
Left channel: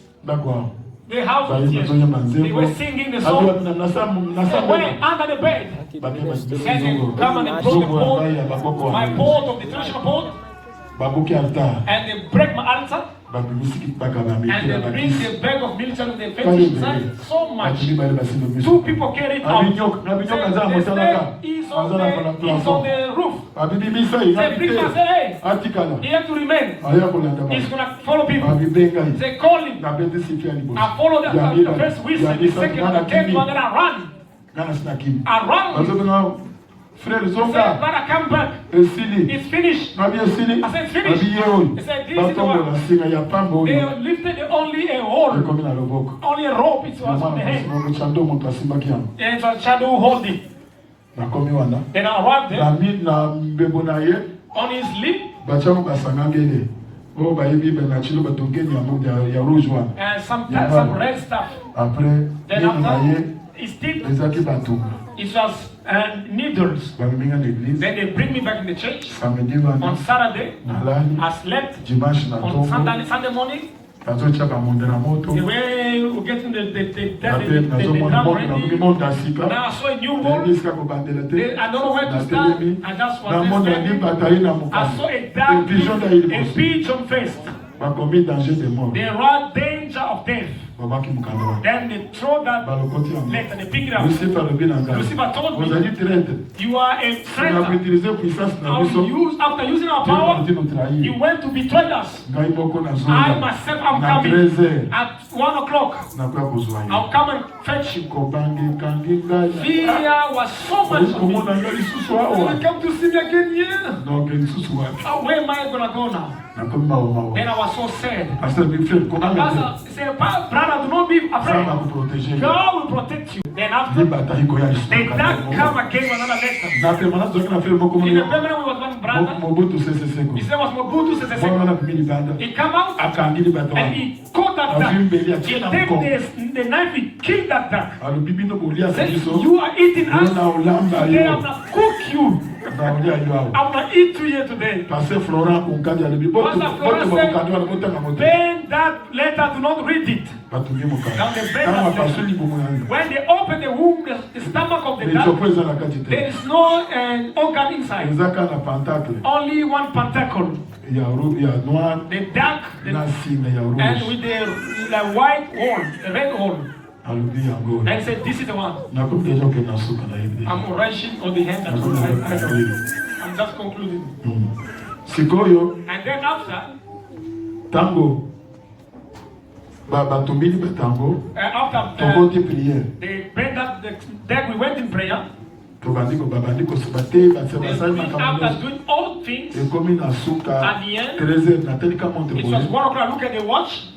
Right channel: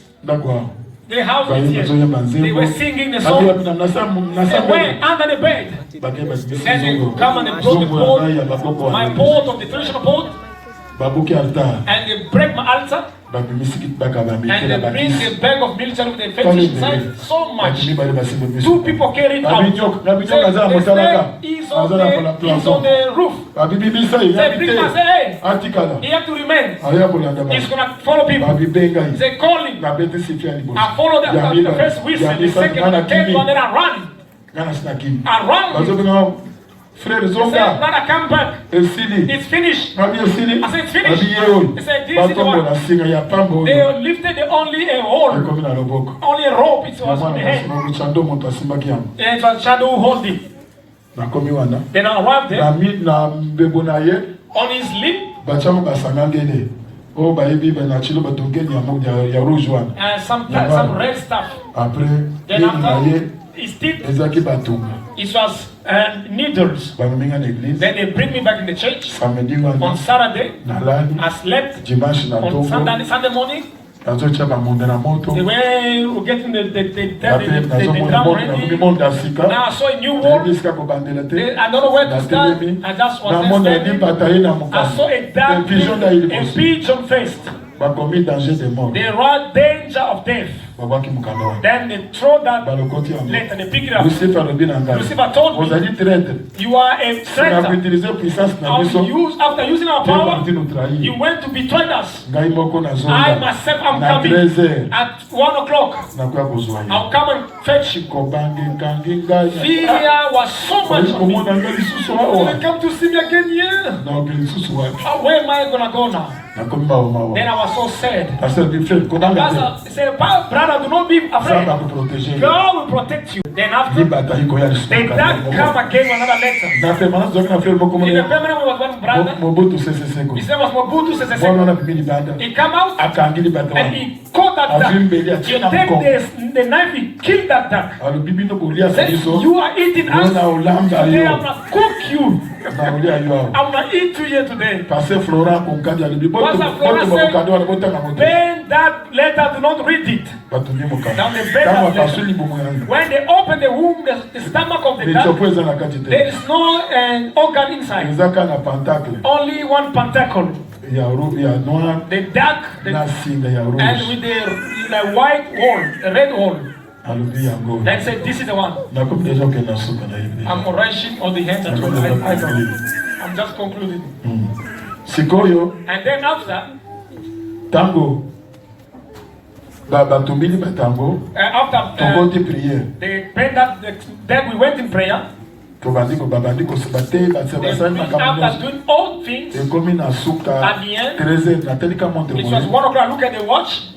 The house is here. They were singing the song. They went under the bed. Then they come and they broke the board, my board of the traditional board. And they break my altar. And they bring the bag of military with the fetish inside. So much. 2 people carry it out. The snake is on the roof. Say, bring my say, hey, he have to remain. He's going to follow people. Say, call him. I follow the first whistle, the second, the one, then I run. I run. Frère Zonga, come back. It's finished. I said, it's finished. He said, this is the one. They lifted only a hole. Only a rope. It was in the hand. And it was shadow holding. Then I arrived there. On his lip. And some red stuff. Then after, his teeth. It was needles. Then they bring me back in the church. On Saturday, I slept. On Sunday morning, they were getting the ground ready. Now I saw a new wall. I don't know where to start. I just was standing. I saw a dark pigeon faced. They were danger of death. Then they throw that plate and they pick it up. Lucifer told me, you are a traitor. After using our power, you went to betray us. I myself am coming at 1 o'clock. I'll come and fetch you. Fear was so much for me. Will you come to see me again here? Where am I going to go now? Then I was so sad. Pastor said, brother, do not be afraid. God will protect you. Then after, the dark come again with another letter. In the permanent we was one brother. His name was Mobutu Sese Seko. He come out and he caught that duck. He take the knife, he killed that duck. Said, you are eating us. Today I'm going to cook you. I'm going to eat you here today. Pastor Florent said, bend that letter, do not read it. Now they bend that letter. When they open the womb, the stomach of the duck, there is no organ inside. Only one pentacle. The duck, and with the white wall, the red wall. Then said, this is the one. I'm rushing on the hands and I'm just concluding. And then after, Tango. After they bent up, then we went in prayer. After doing all things, at the end, it was 1 o'clock. I look at the watch.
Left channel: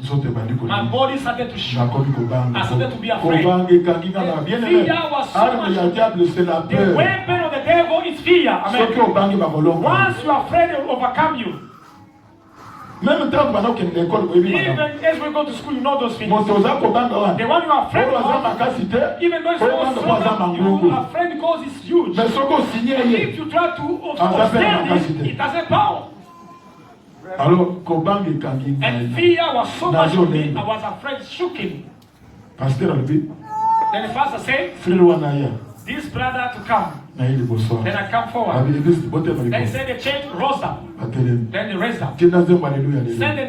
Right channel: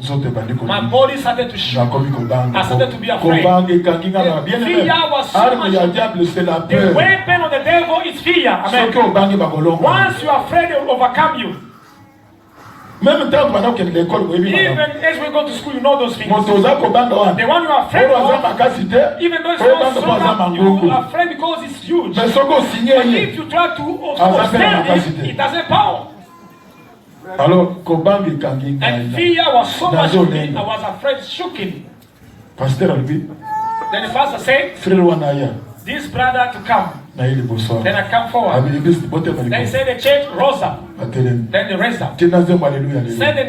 My body started to shake. I started to be afraid. The fear was so much. The weapon of the devil is fear. Amen. Once you are afraid, it will overcome you. Even as we go to school, you know those things. The one you are afraid of, even though it's not so much, you are afraid because it's huge. But if you try to stand it, it has a power. And fear was so much for me, I was afraid, shaking. Then the pastor said, this brother to come. Then I come forward. Then say the church rose up. Then they raised up. Say the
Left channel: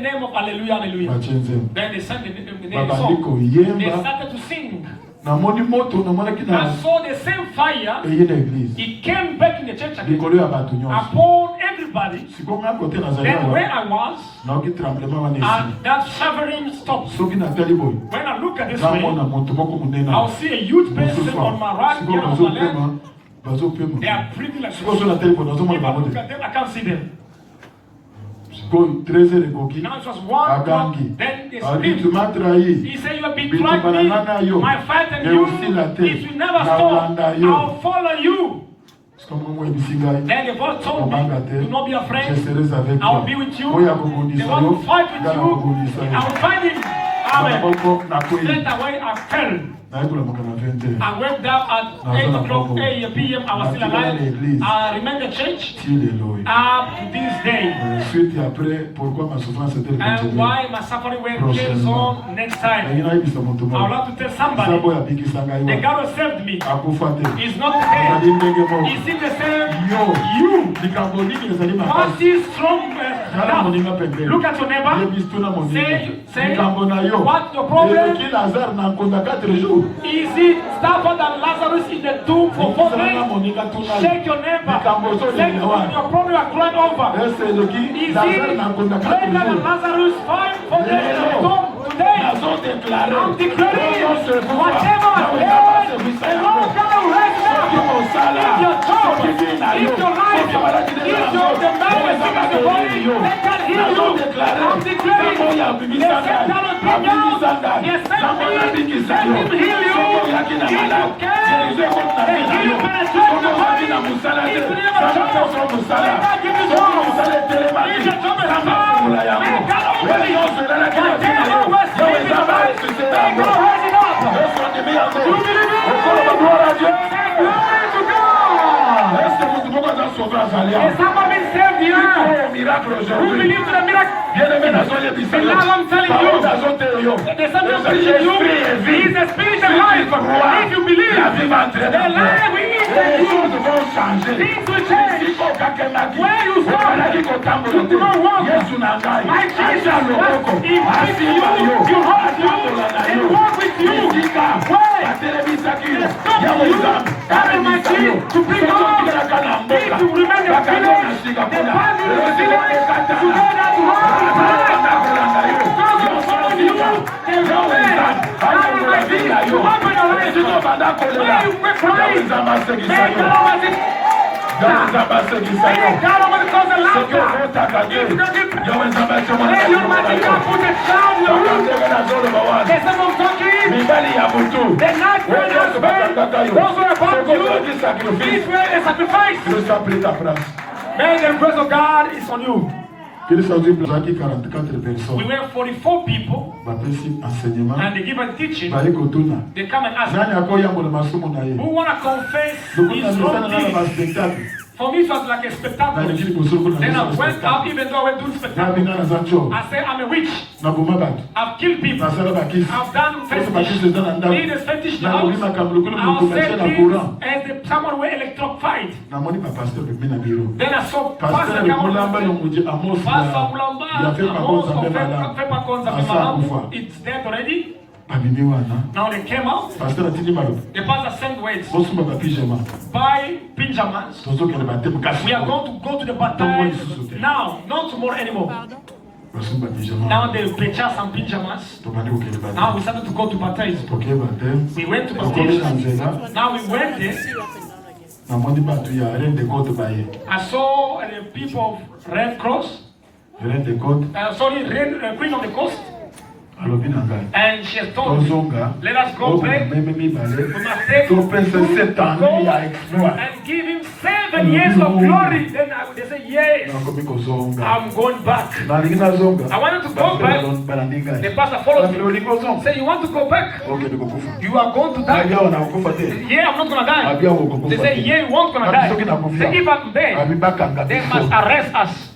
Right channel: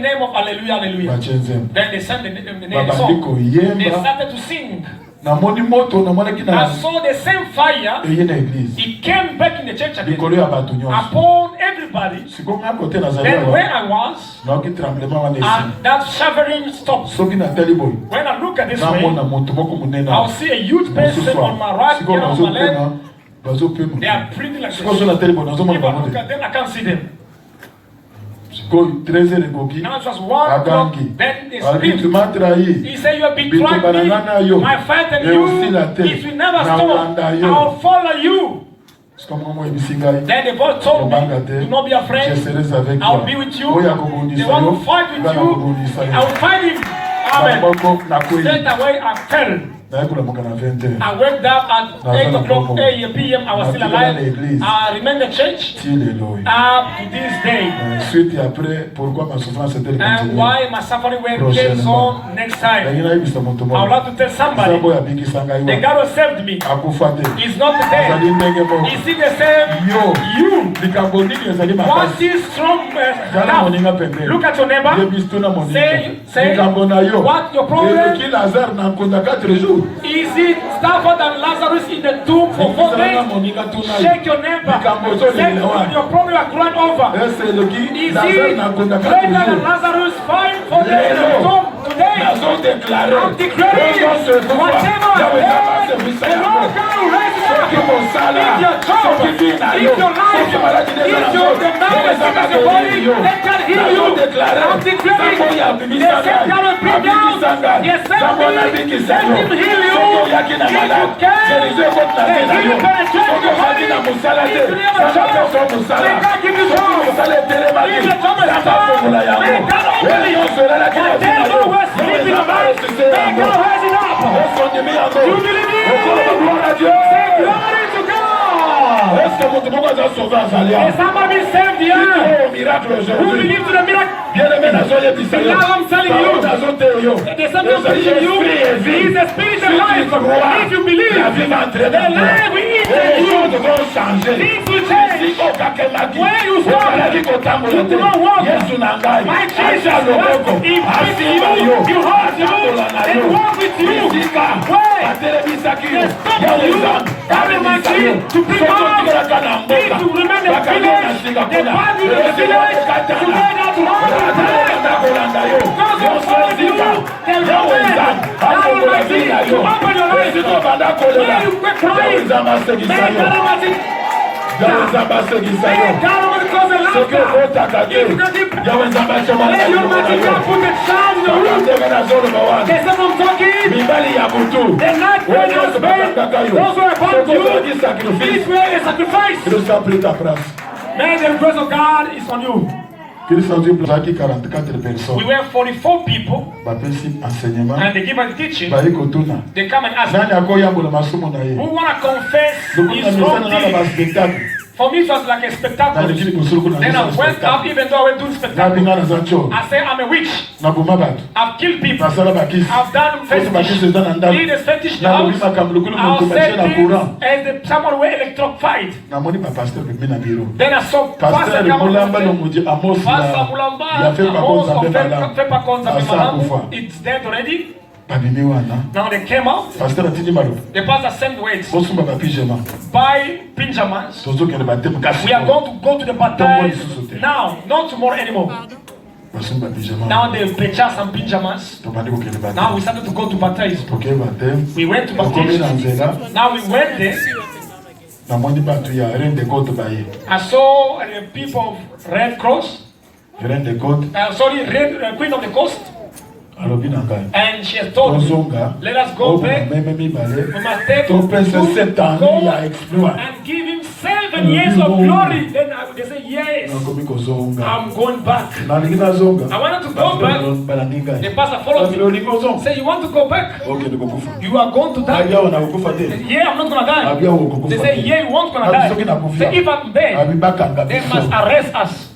name of Hallelujah, Hallelujah. Then they sang the name song. They started to sing. I saw the same fire. It came back in the church again. Upon everybody. Then where I was, and that shivering stopped. When I look at this man, I'll see a huge person on my right, on my left. They are pretty like this. If I look at them, I can't see them. Now it was 1 o'clock, then they screamed. He said, you have betrayed me, my fight and you, it will never stop. I'll follow you. Then the boy told me, do not be afraid, I will be with you. They want to fight with you, I will fight him. Amen. Straight away I fell. I went down at 8 o'clock p.m. I was still alive. I remained in church up to this day. And why my suffering came on next time? I would like to tell somebody, the God who saved me is not dead. Is he the same? You. What is strong? Look at your neighbor. Say what your problem? Is it tougher than Lazarus in the tomb for 4 days? Shake your neighbor. Say your problem are growing over. Is it greater than Lazarus 4 days in the tomb today? I'm declaring whatever the Lord God will raise up. If your job, if your life, if your marriage, if your body, let that heal you. I'm declaring the same kind of bring down. Yes, let him heal you. If you can, somebody saved the who believes in the miracle? I'm telling you, there's something pushing you. He is a spiritual life. If you believe, the life we eat things will change. Where you start, you do not walk. My Jesus was impressing you. He holds you and walks with you. Where? Having my seed to bring out. If you remain the village, the body of the village, together to run. Because of following you, the Lord to open your eyes. Where you quit crying. May the grace of God is on you. We were 44 people and they give us teaching. They come and ask me, who want to confess his wrong deeds? For me, it was like a spectacle. Then I went up, even though I went to spectacle. I said, I'm a witch. I've killed people. I've done fetish. Did a fetish house. I'll say this as someone who electrified. Then I saw Pastor Mulamba. It's dead already. Now they came out. The pastor sent words. Buy pyjamas. We are going to go to the baptized now, not tomorrow anymore. Now they purchased some pyjamas. Now we started to go to baptize. We went to baptize. Now we went there. I saw people of Red Cross. Queen of the Coast. And she has told me, let us go back. We must take and give him 7 years of glory. Then they say, yes, I'm going back. I wanted to go back. The pastor followed me. Say, you want to go back? You are going to die. Yeah, I'm not going to die. They say, yeah, you won't going to die. Say, if I'm dead, they must arrest us.